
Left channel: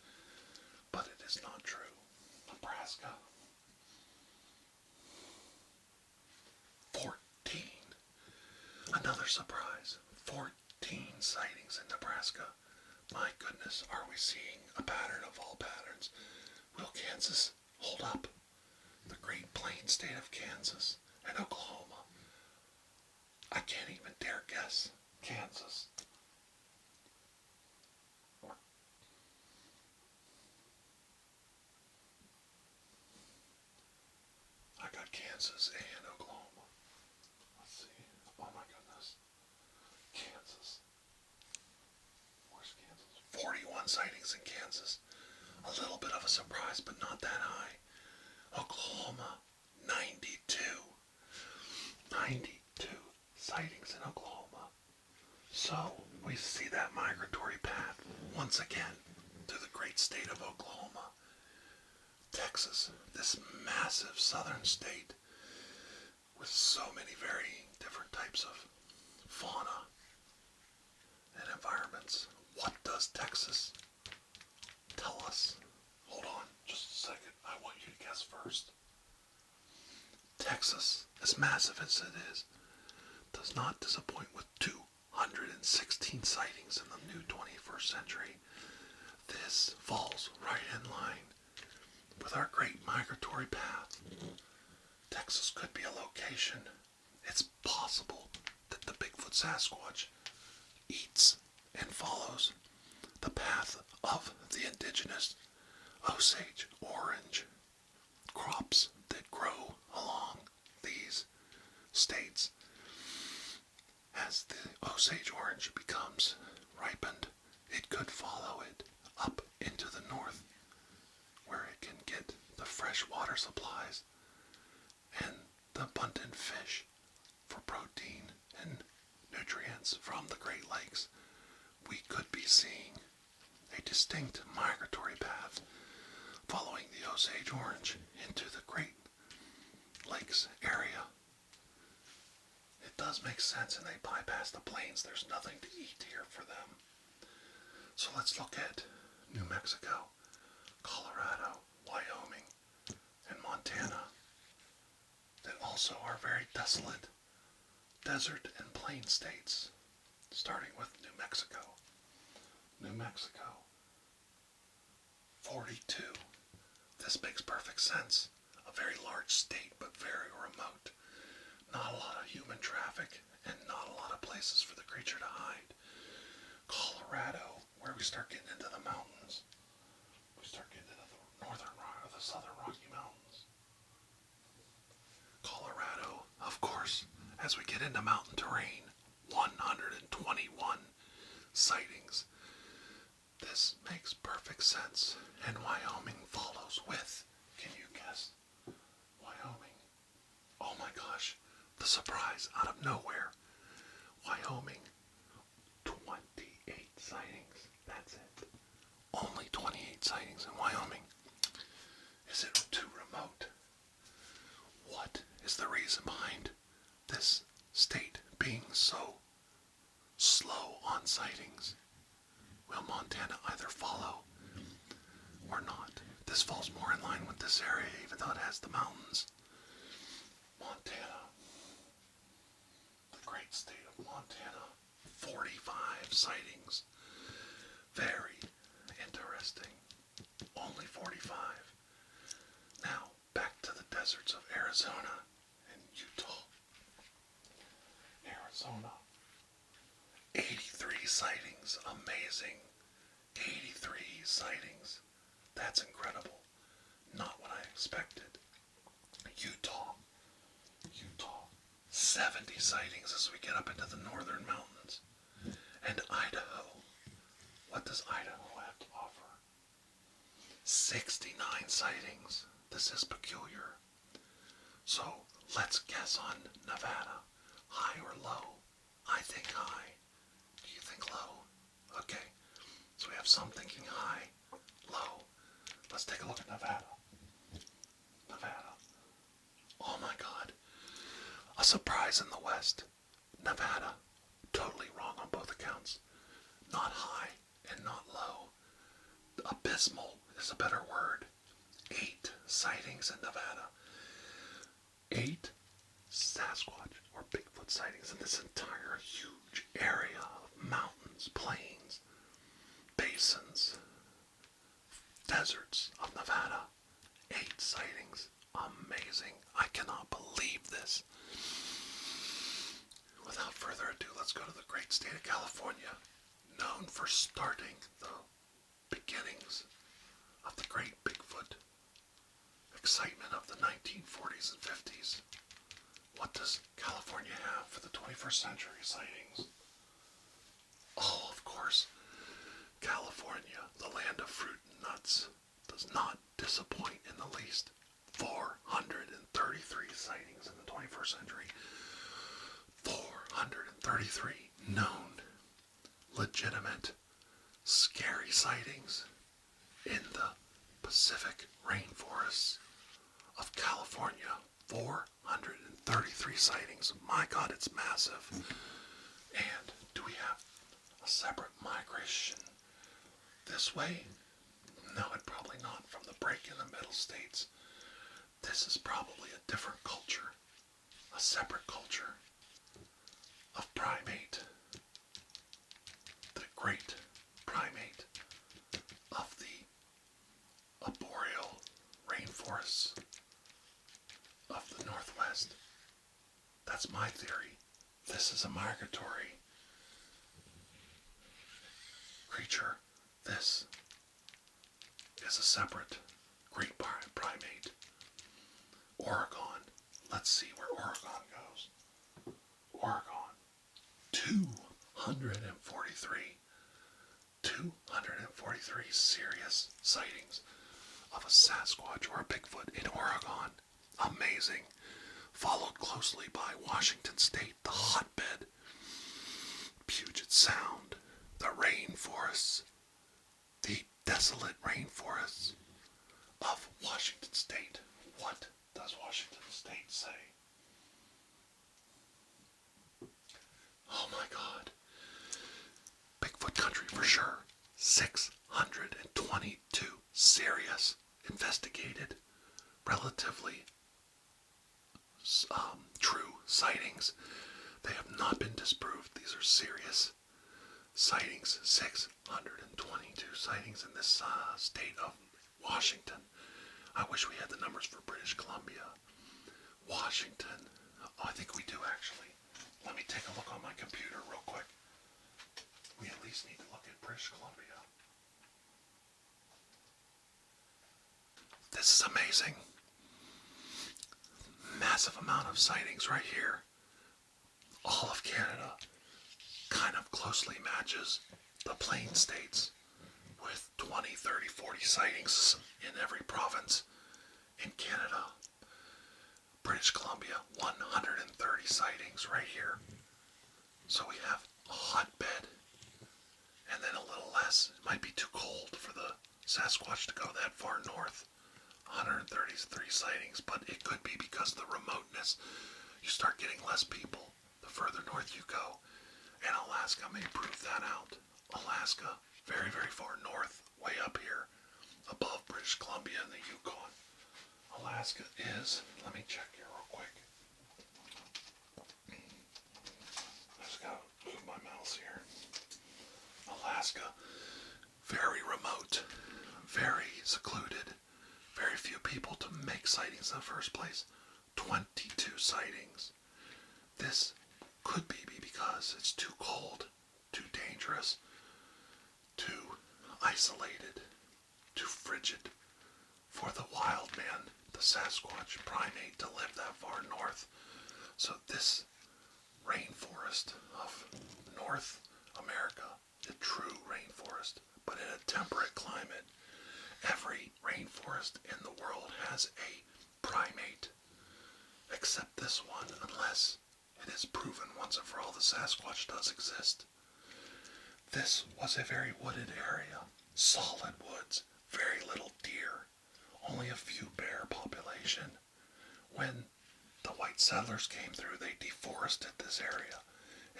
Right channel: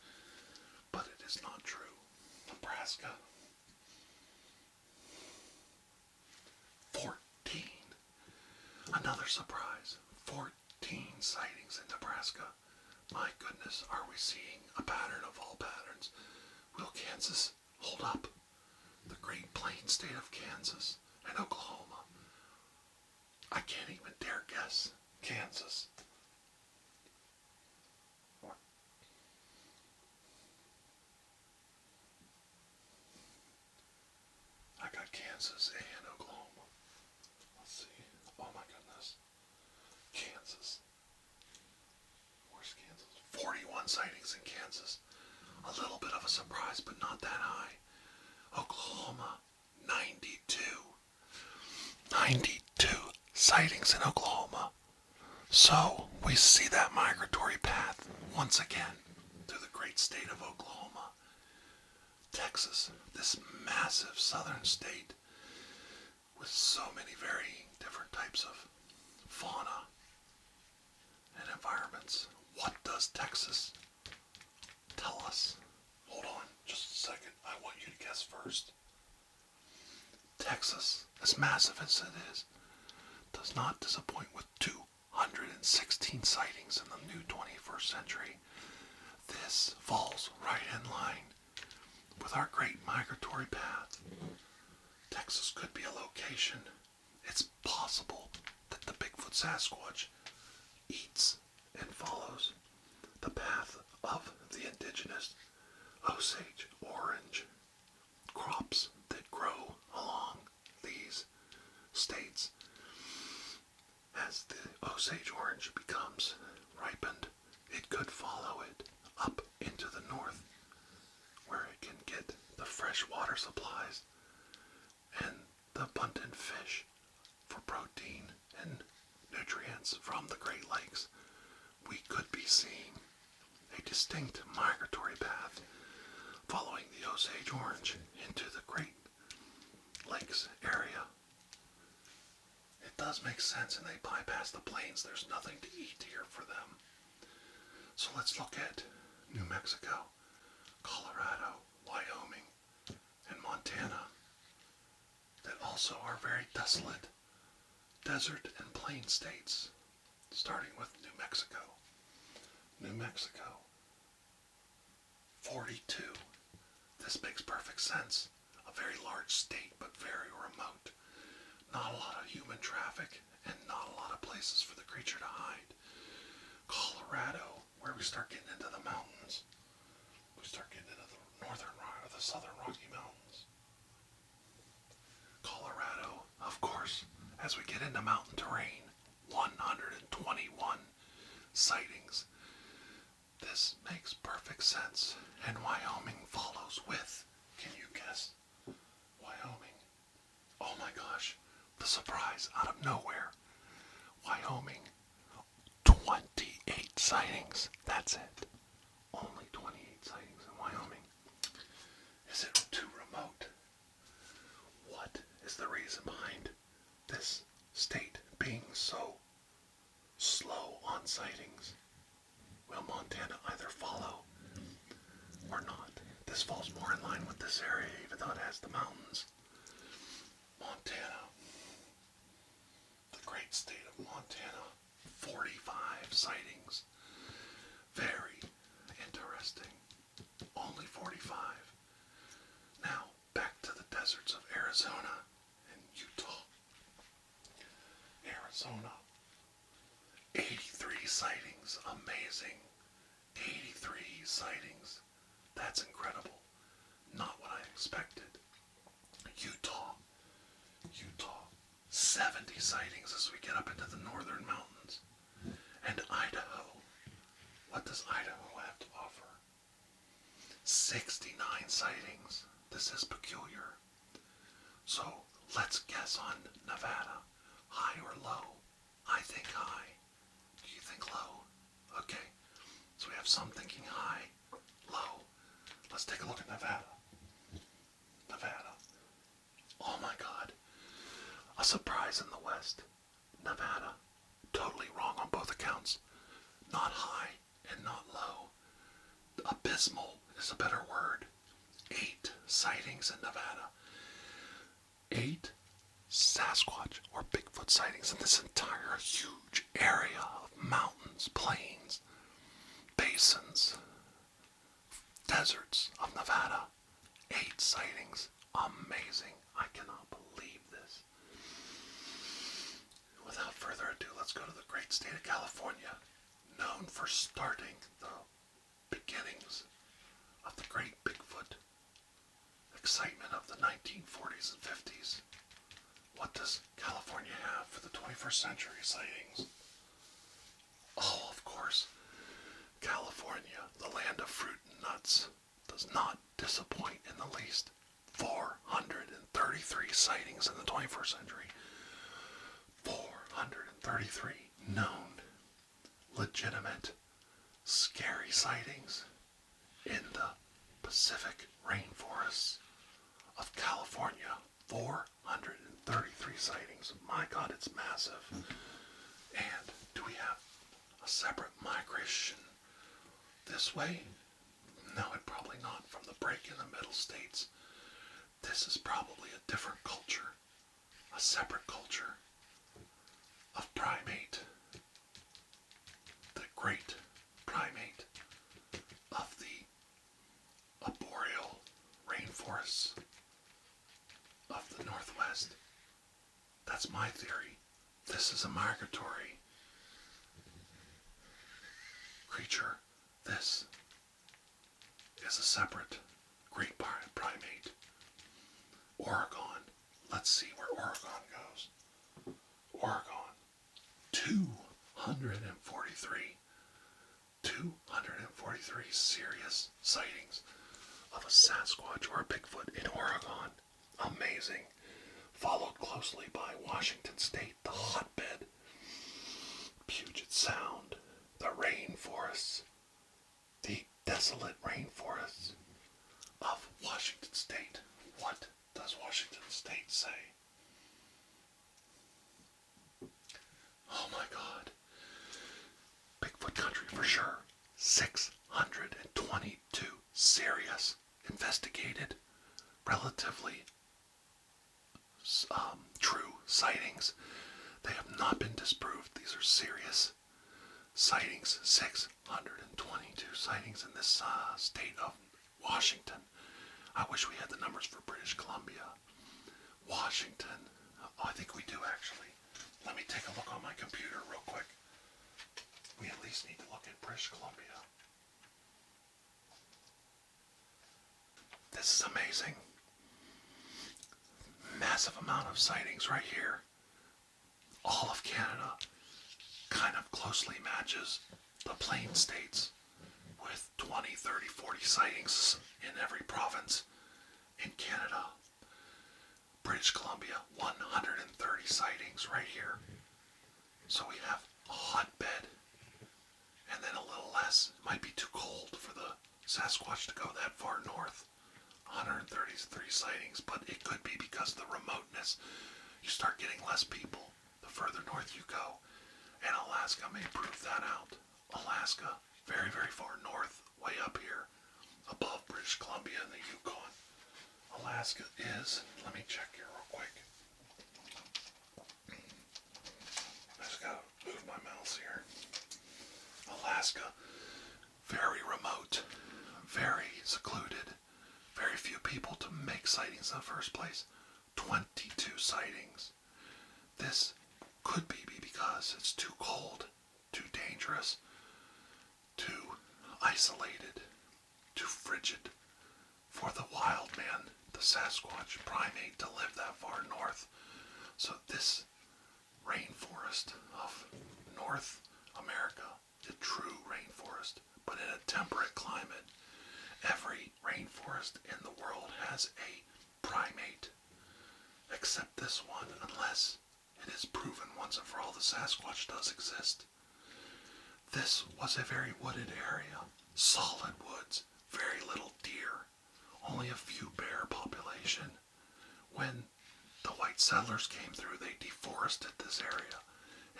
but it is not true. Nebraska, 14. Another surprise, 14 sightings in Nebraska. My goodness, are we seeing a pattern of all patterns? Will Kansas hold up? The Great Plains state of Kansas and Oklahoma. I can't even dare guess. Kansas. I got Kansas and Oklahoma. Let's see. Oh my goodness. Kansas. Where's Kansas? 41 sightings in Kansas. A little bit of a surprise, but not that high. Oklahoma, 92. 92 sightings in Oklahoma. So we see that migratory path once again through the great state of Oklahoma. Texas, this massive southern state with so many varying different types of fauna and environments. What does Texas tell us? Hold on just a second. I want you to guess first. Texas, as massive as it is, does not disappoint with 216 sightings in the new 21st century. This falls right in line with our great migratory path. Texas could be a location. It's possible that the Bigfoot Sasquatch eats and follows the path of the indigenous Osage orange crops that grow along these states. As the Osage orange becomes ripened, it could follow it up into the north, where it can get the fresh water supplies and the abundant fish for protein and nutrients from the Great Lakes. We could be seeing a distinct migratory path following the Osage orange into the Great Lakes area. It does make sense, and they bypass the plains. There's nothing to eat here for them. So let's look at New Mexico, Colorado, Wyoming, and Montana that also are very desolate desert and plain states, starting with New Mexico. New Mexico, 42. This makes perfect sense. A very large state, but very remote. Not a lot of human traffic, and not a lot of places for the creature to hide. Colorado, where we start getting into the mountains. We start getting into the the southern Rocky Mountains. Colorado, of course, as we get into mountain terrain, 121 sightings. This makes perfect sense. And Wyoming follows with, can you guess? Wyoming. Oh my gosh, the surprise out of nowhere. Wyoming, 28 sightings. That's it. Only 28 sightings in Wyoming. Is it too remote? What is the reason behind this state being so slow on sightings? Will Montana either follow or not? This falls more in line with this area, even though it has the mountains. Montana, the great state of Montana, 45 sightings. Very interesting. Only 45. Now, back to the deserts of Arizona and Utah. Arizona, 83 sightings. Amazing. 83 sightings. That's incredible. Not what I expected. Utah, 70 sightings as we get up into the northern mountains. And Idaho. What does Idaho have to offer? 69 sightings. This is peculiar. So let's guess on Nevada. High or low? I think high. Do you think low? Okay. So we have some thinking high, low. Let's take a look at Nevada. Nevada. Oh my God. A surprise in the West. Nevada. Totally wrong on both accounts. Not high and not low. Abysmal is a better word. 8 sightings in Nevada. 8 Sasquatch or Bigfoot sightings in this entire huge area of mountains, plains, basins, deserts of Nevada. 8 sightings. Amazing. I cannot believe this. Without further ado, let's go to the great state of California, known for starting the beginnings of the great Bigfoot excitement of the 1940s and 50s. What does California have for the 21st century sightings? Oh, of course, California, the land of fruit and nuts, does not disappoint in the least. 433 sightings in the 21st century. 433 known, legitimate, scary sightings in the Pacific rainforests of California. 433 sightings. My God, it's massive. And do we have a separate migration this way? No, it probably not. From the break in the middle states, this is probably a different culture, a separate culture of primate, the great primate of the arboreal rainforests of the Northwest. That's my theory. This is a migratory creature. This is a separate great primate. Oregon. Let's see where Oregon goes. Oregon. 243. 243 serious sightings of a Sasquatch or a Bigfoot in Oregon. Amazing. Followed closely by Washington State, the hotbed, Puget Sound, the rainforests, the desolate rainforests of Washington State. What does Washington State say? Oh my God. Bigfoot country for sure. 622 serious, investigated, relatively true sightings. They have not been disproved. These are serious sightings. 622 sightings in this state of Washington. I wish we had the numbers for British Columbia. Washington. Oh, I think we do actually. Let me take a look on my computer real quick. We at least need to look at British Columbia. This is amazing. Massive amount of sightings right here. All of Canada kind of closely matches the plain states with 20, 30, 40 sightings in every province in Canada. British Columbia, 130 sightings right here. So we have a hotbed and then a little less. It might be too cold for the Sasquatch to go that far north. 133 sightings, but it could be because of the remoteness. You start getting less people the further north you go, and Alaska may prove that out. Alaska, very, very far north, way up here, above British Columbia and the Yukon. Alaska is, let me check here real quick. I just gotta move my mouse here. Alaska, very remote, very secluded, very few people to make sightings in the first place. 22 sightings. This could be because it's too cold, too dangerous, too isolated, too frigid for the wild man, the Sasquatch primate, to live that far north. So this rainforest of North America, a true rainforest, but in a temperate climate. Every rainforest in the world has a primate, except this one, unless it is proven once and for all the Sasquatch does exist. This was a very wooded area, solid woods, very little deer, only a few bear population. When the white settlers came through, they deforested this area,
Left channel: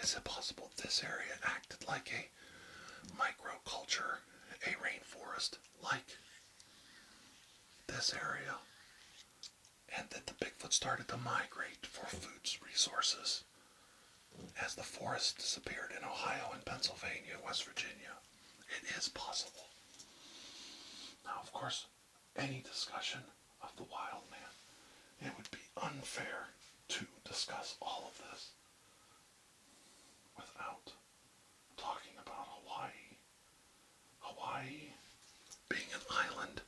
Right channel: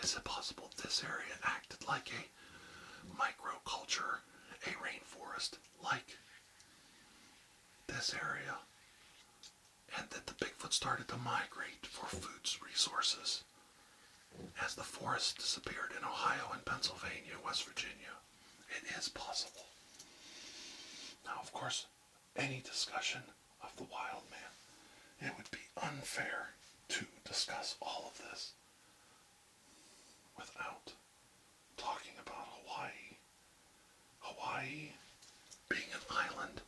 Is it possible this area acted like a microculture, a rainforest like this area, and that the Bigfoot started to migrate for food resources as the forests disappeared in Ohio and Pennsylvania, West Virginia? It is possible. Now, of course, any discussion of the wild man, it would be unfair to discuss all of this without talking about Hawaii. Hawaii, being an island,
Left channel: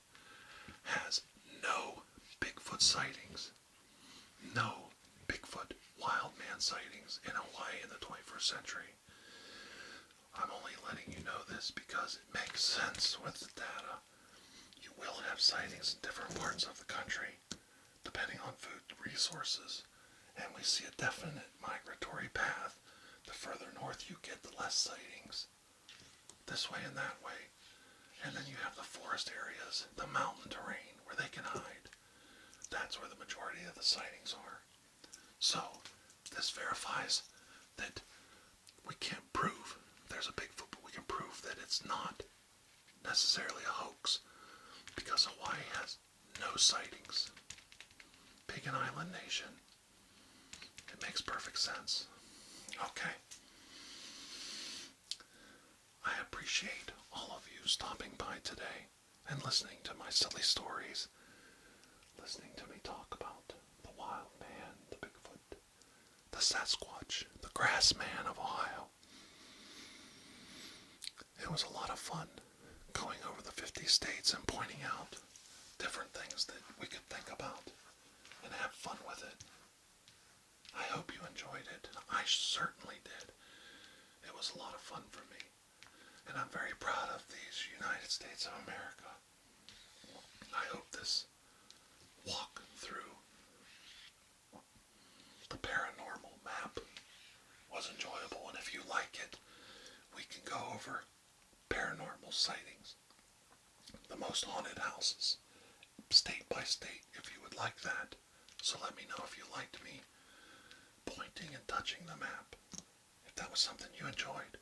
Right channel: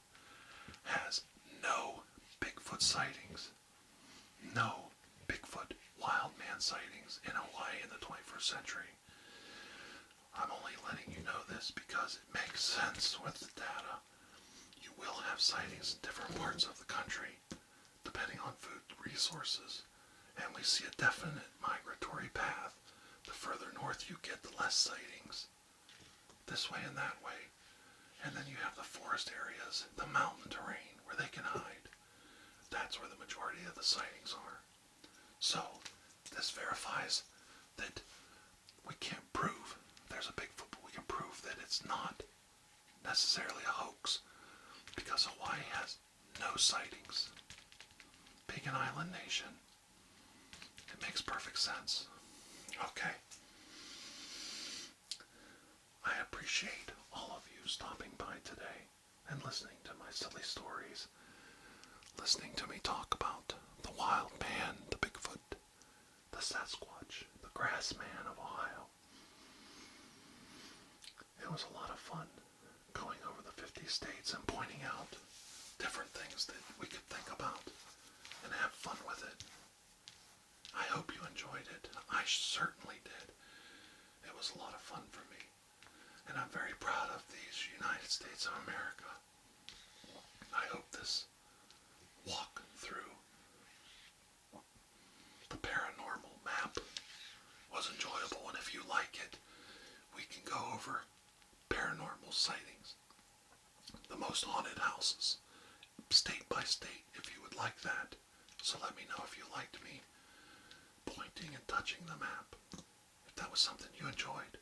has no Bigfoot sightings. No Bigfoot wild man sightings in Hawaii in the 21st century. I'm only letting you know this because it makes sense with the data. You will have sightings in different parts of the country, depending on food resources. And we see a definite migratory path. The further north you get, the less sightings. This way and that way. And then you have the forest areas, the mountain terrain, where they can hide. That's where the majority of the sightings are. So, this verifies that we can't prove there's a Bigfoot, but we can prove that it's not necessarily a hoax, because Hawaii has no sightings. Being an island nation, it makes perfect sense. Okay. I appreciate all of you stopping by today and listening to my silly stories, listening to me talk about the wild man, the Bigfoot, the Sasquatch, the grass man of Ohio. It was a lot of fun going over the 50 states and pointing out different things that we could think about and have fun with it. I hope you enjoyed it. I certainly did. It was a lot of fun for me. And I'm very proud of these United States of America. I hope this walk through the paranormal map was enjoyable. And if you like it, we can go over paranormal sightings, the most haunted houses, state by state, if you would like that. So let me know if you liked me pointing and touching the map, if that was something you enjoyed.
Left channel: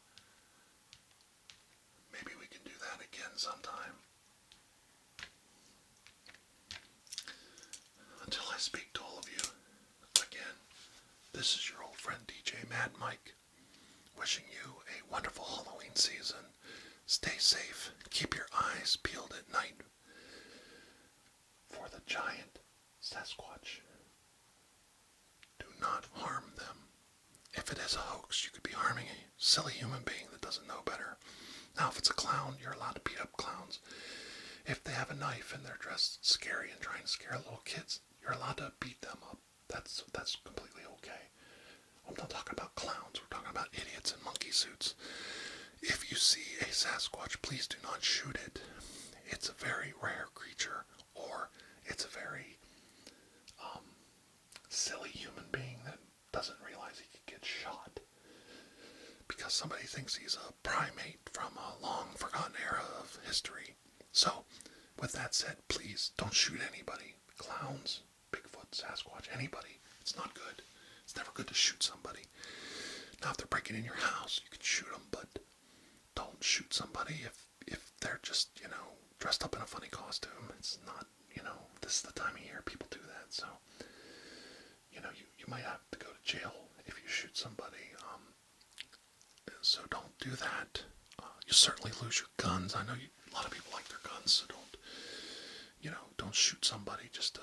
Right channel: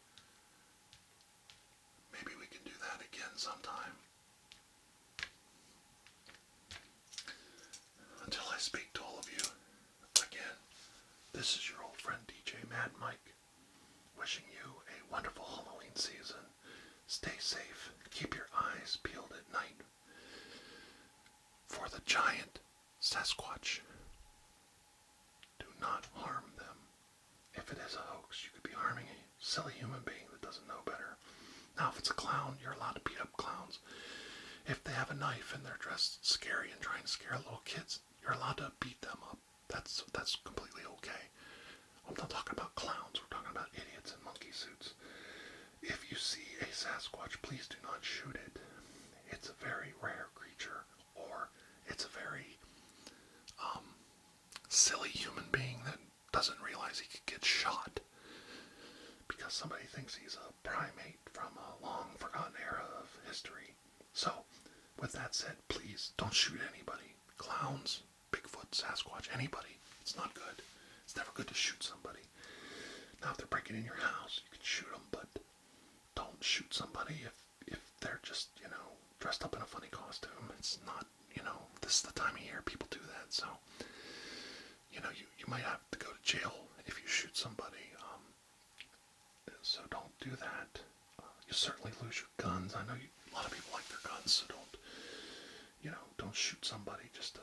Maybe we can do that again sometime. Until I speak to all of you again, this is your old friend DJ Mad Mike, wishing you a wonderful Halloween season. Stay safe. Keep your eyes peeled at night for the giant Sasquatch. Do not harm them. If it is a hoax, you could be harming a silly human being that doesn't know better. Now, if it's a clown, you're allowed to beat up clowns. If they have a knife and they're dressed scary and trying to scare little kids, you're allowed to beat them up. That's completely okay. I'm not talking about clowns. We're talking about idiots in monkey suits. If you see a Sasquatch, please do not shoot it. It's a very rare creature, or it's a very silly human being that doesn't realize he could get shot because somebody thinks he's a primate from a long forgotten era of history. So, with that said, please don't shoot anybody. Clowns, Bigfoot, Sasquatch, anybody. It's not good. It's never good to shoot somebody. Now, if they're breaking in your house, you can shoot them, but don't shoot somebody if they're just, dressed up in a funny costume. It's not, this is the time of year people do that, so, you might have to go to jail if you shoot somebody. So don't do that. You certainly lose your guns. I know a lot of people like their guns, so don't shoot somebody just to,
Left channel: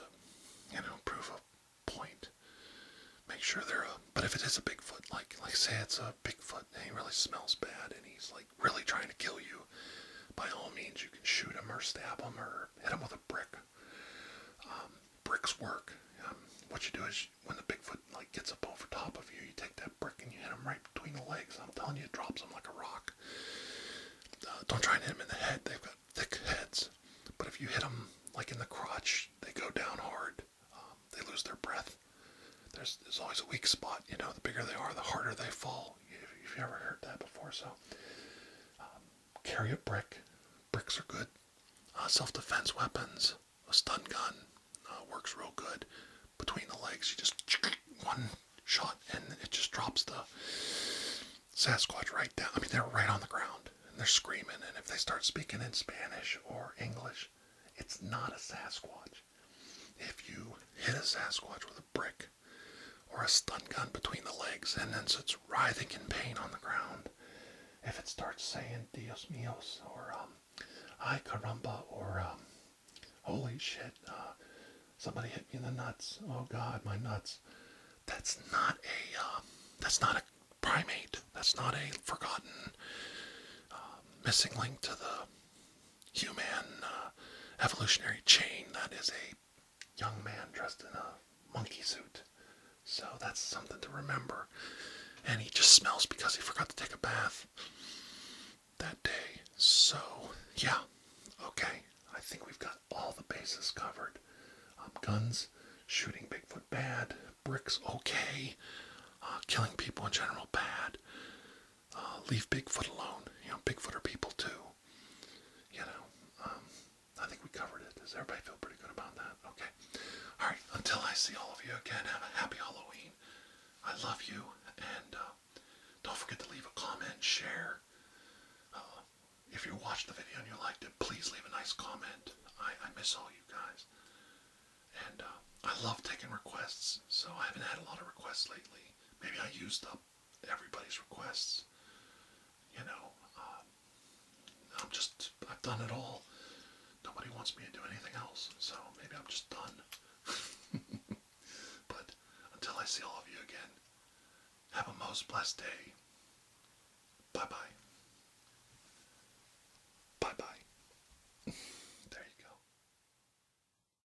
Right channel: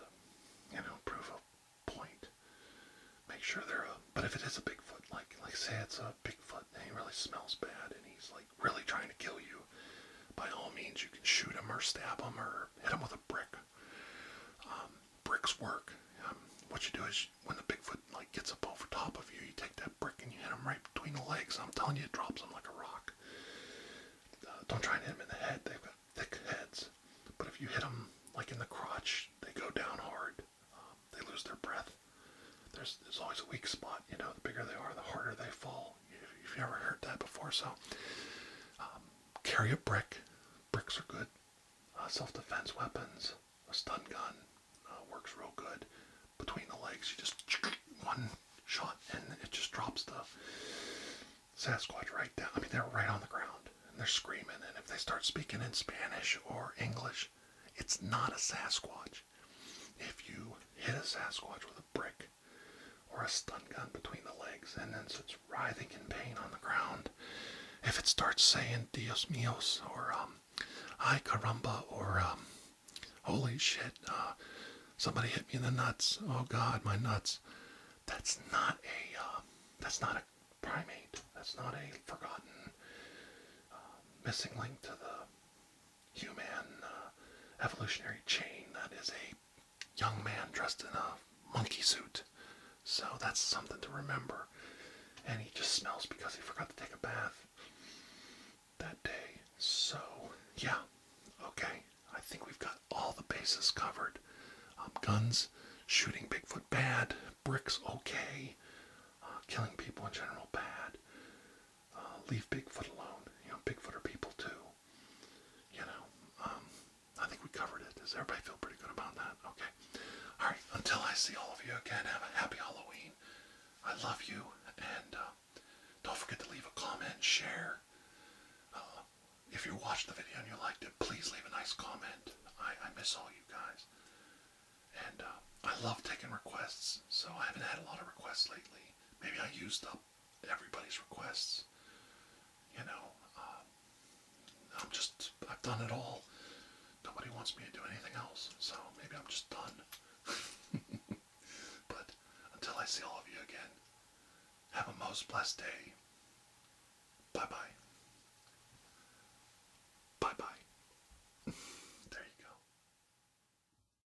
prove a point. Make sure but if it is a Bigfoot, like say it's a Bigfoot and he really smells bad and he's like really trying to kill you, by all means you can shoot him or stab him or hit him with a brick. Bricks work. What you do is when the Bigfoot gets up over top of you, you take that brick and you hit him right between the legs. I'm telling you, it drops him like a rock. Don't try and hit him in the head. They've got thick heads. But if you hit them in the crotch, they go down hard. They lose their breath. There's always a weak spot. The bigger they are, the harder they fall. If you ever heard that before. So carry a brick. Bricks are good. Self-defense weapons. A stun gun works real good. Between the legs, you just one shot and it just drops the Sasquatch right down. I mean, they're right on the ground and they're screaming. And if they start speaking in Spanish or English, it's not a Sasquatch. If you hit a Sasquatch with a brick or a stun gun between the legs and then sits writhing in pain on the ground, if it starts saying Dios míos or ay caramba or holy shit, somebody hit me in the nuts, oh God, my nuts, that's not a primate. That's not a forgotten missing link to the human evolutionary chain. That is a young man dressed in a monkey suit. So that's something to remember. And he just smells because he forgot to take a bath that day. So, yeah. Okay. I think we've got all the bases covered. Guns, shooting Bigfoot bad, bricks okay, killing people in general bad. Leave Bigfoot alone. You know, Bigfoot are people too. You know, I think we covered it. Does everybody feel pretty good about that? Okay. All right. Until I see all of you again, have a happy Halloween. I love you, and don't forget to leave a comment, share. If you watched the video and you liked it, please leave a nice comment. I miss all you guys. And I love taking requests, so I haven't had a lot of requests lately. Maybe I used up everybody's requests. You know, I've done it all. Nobody wants me to do anything else, so maybe I'm just done. But until I see all of you again, have a most blessed day. Bye-bye.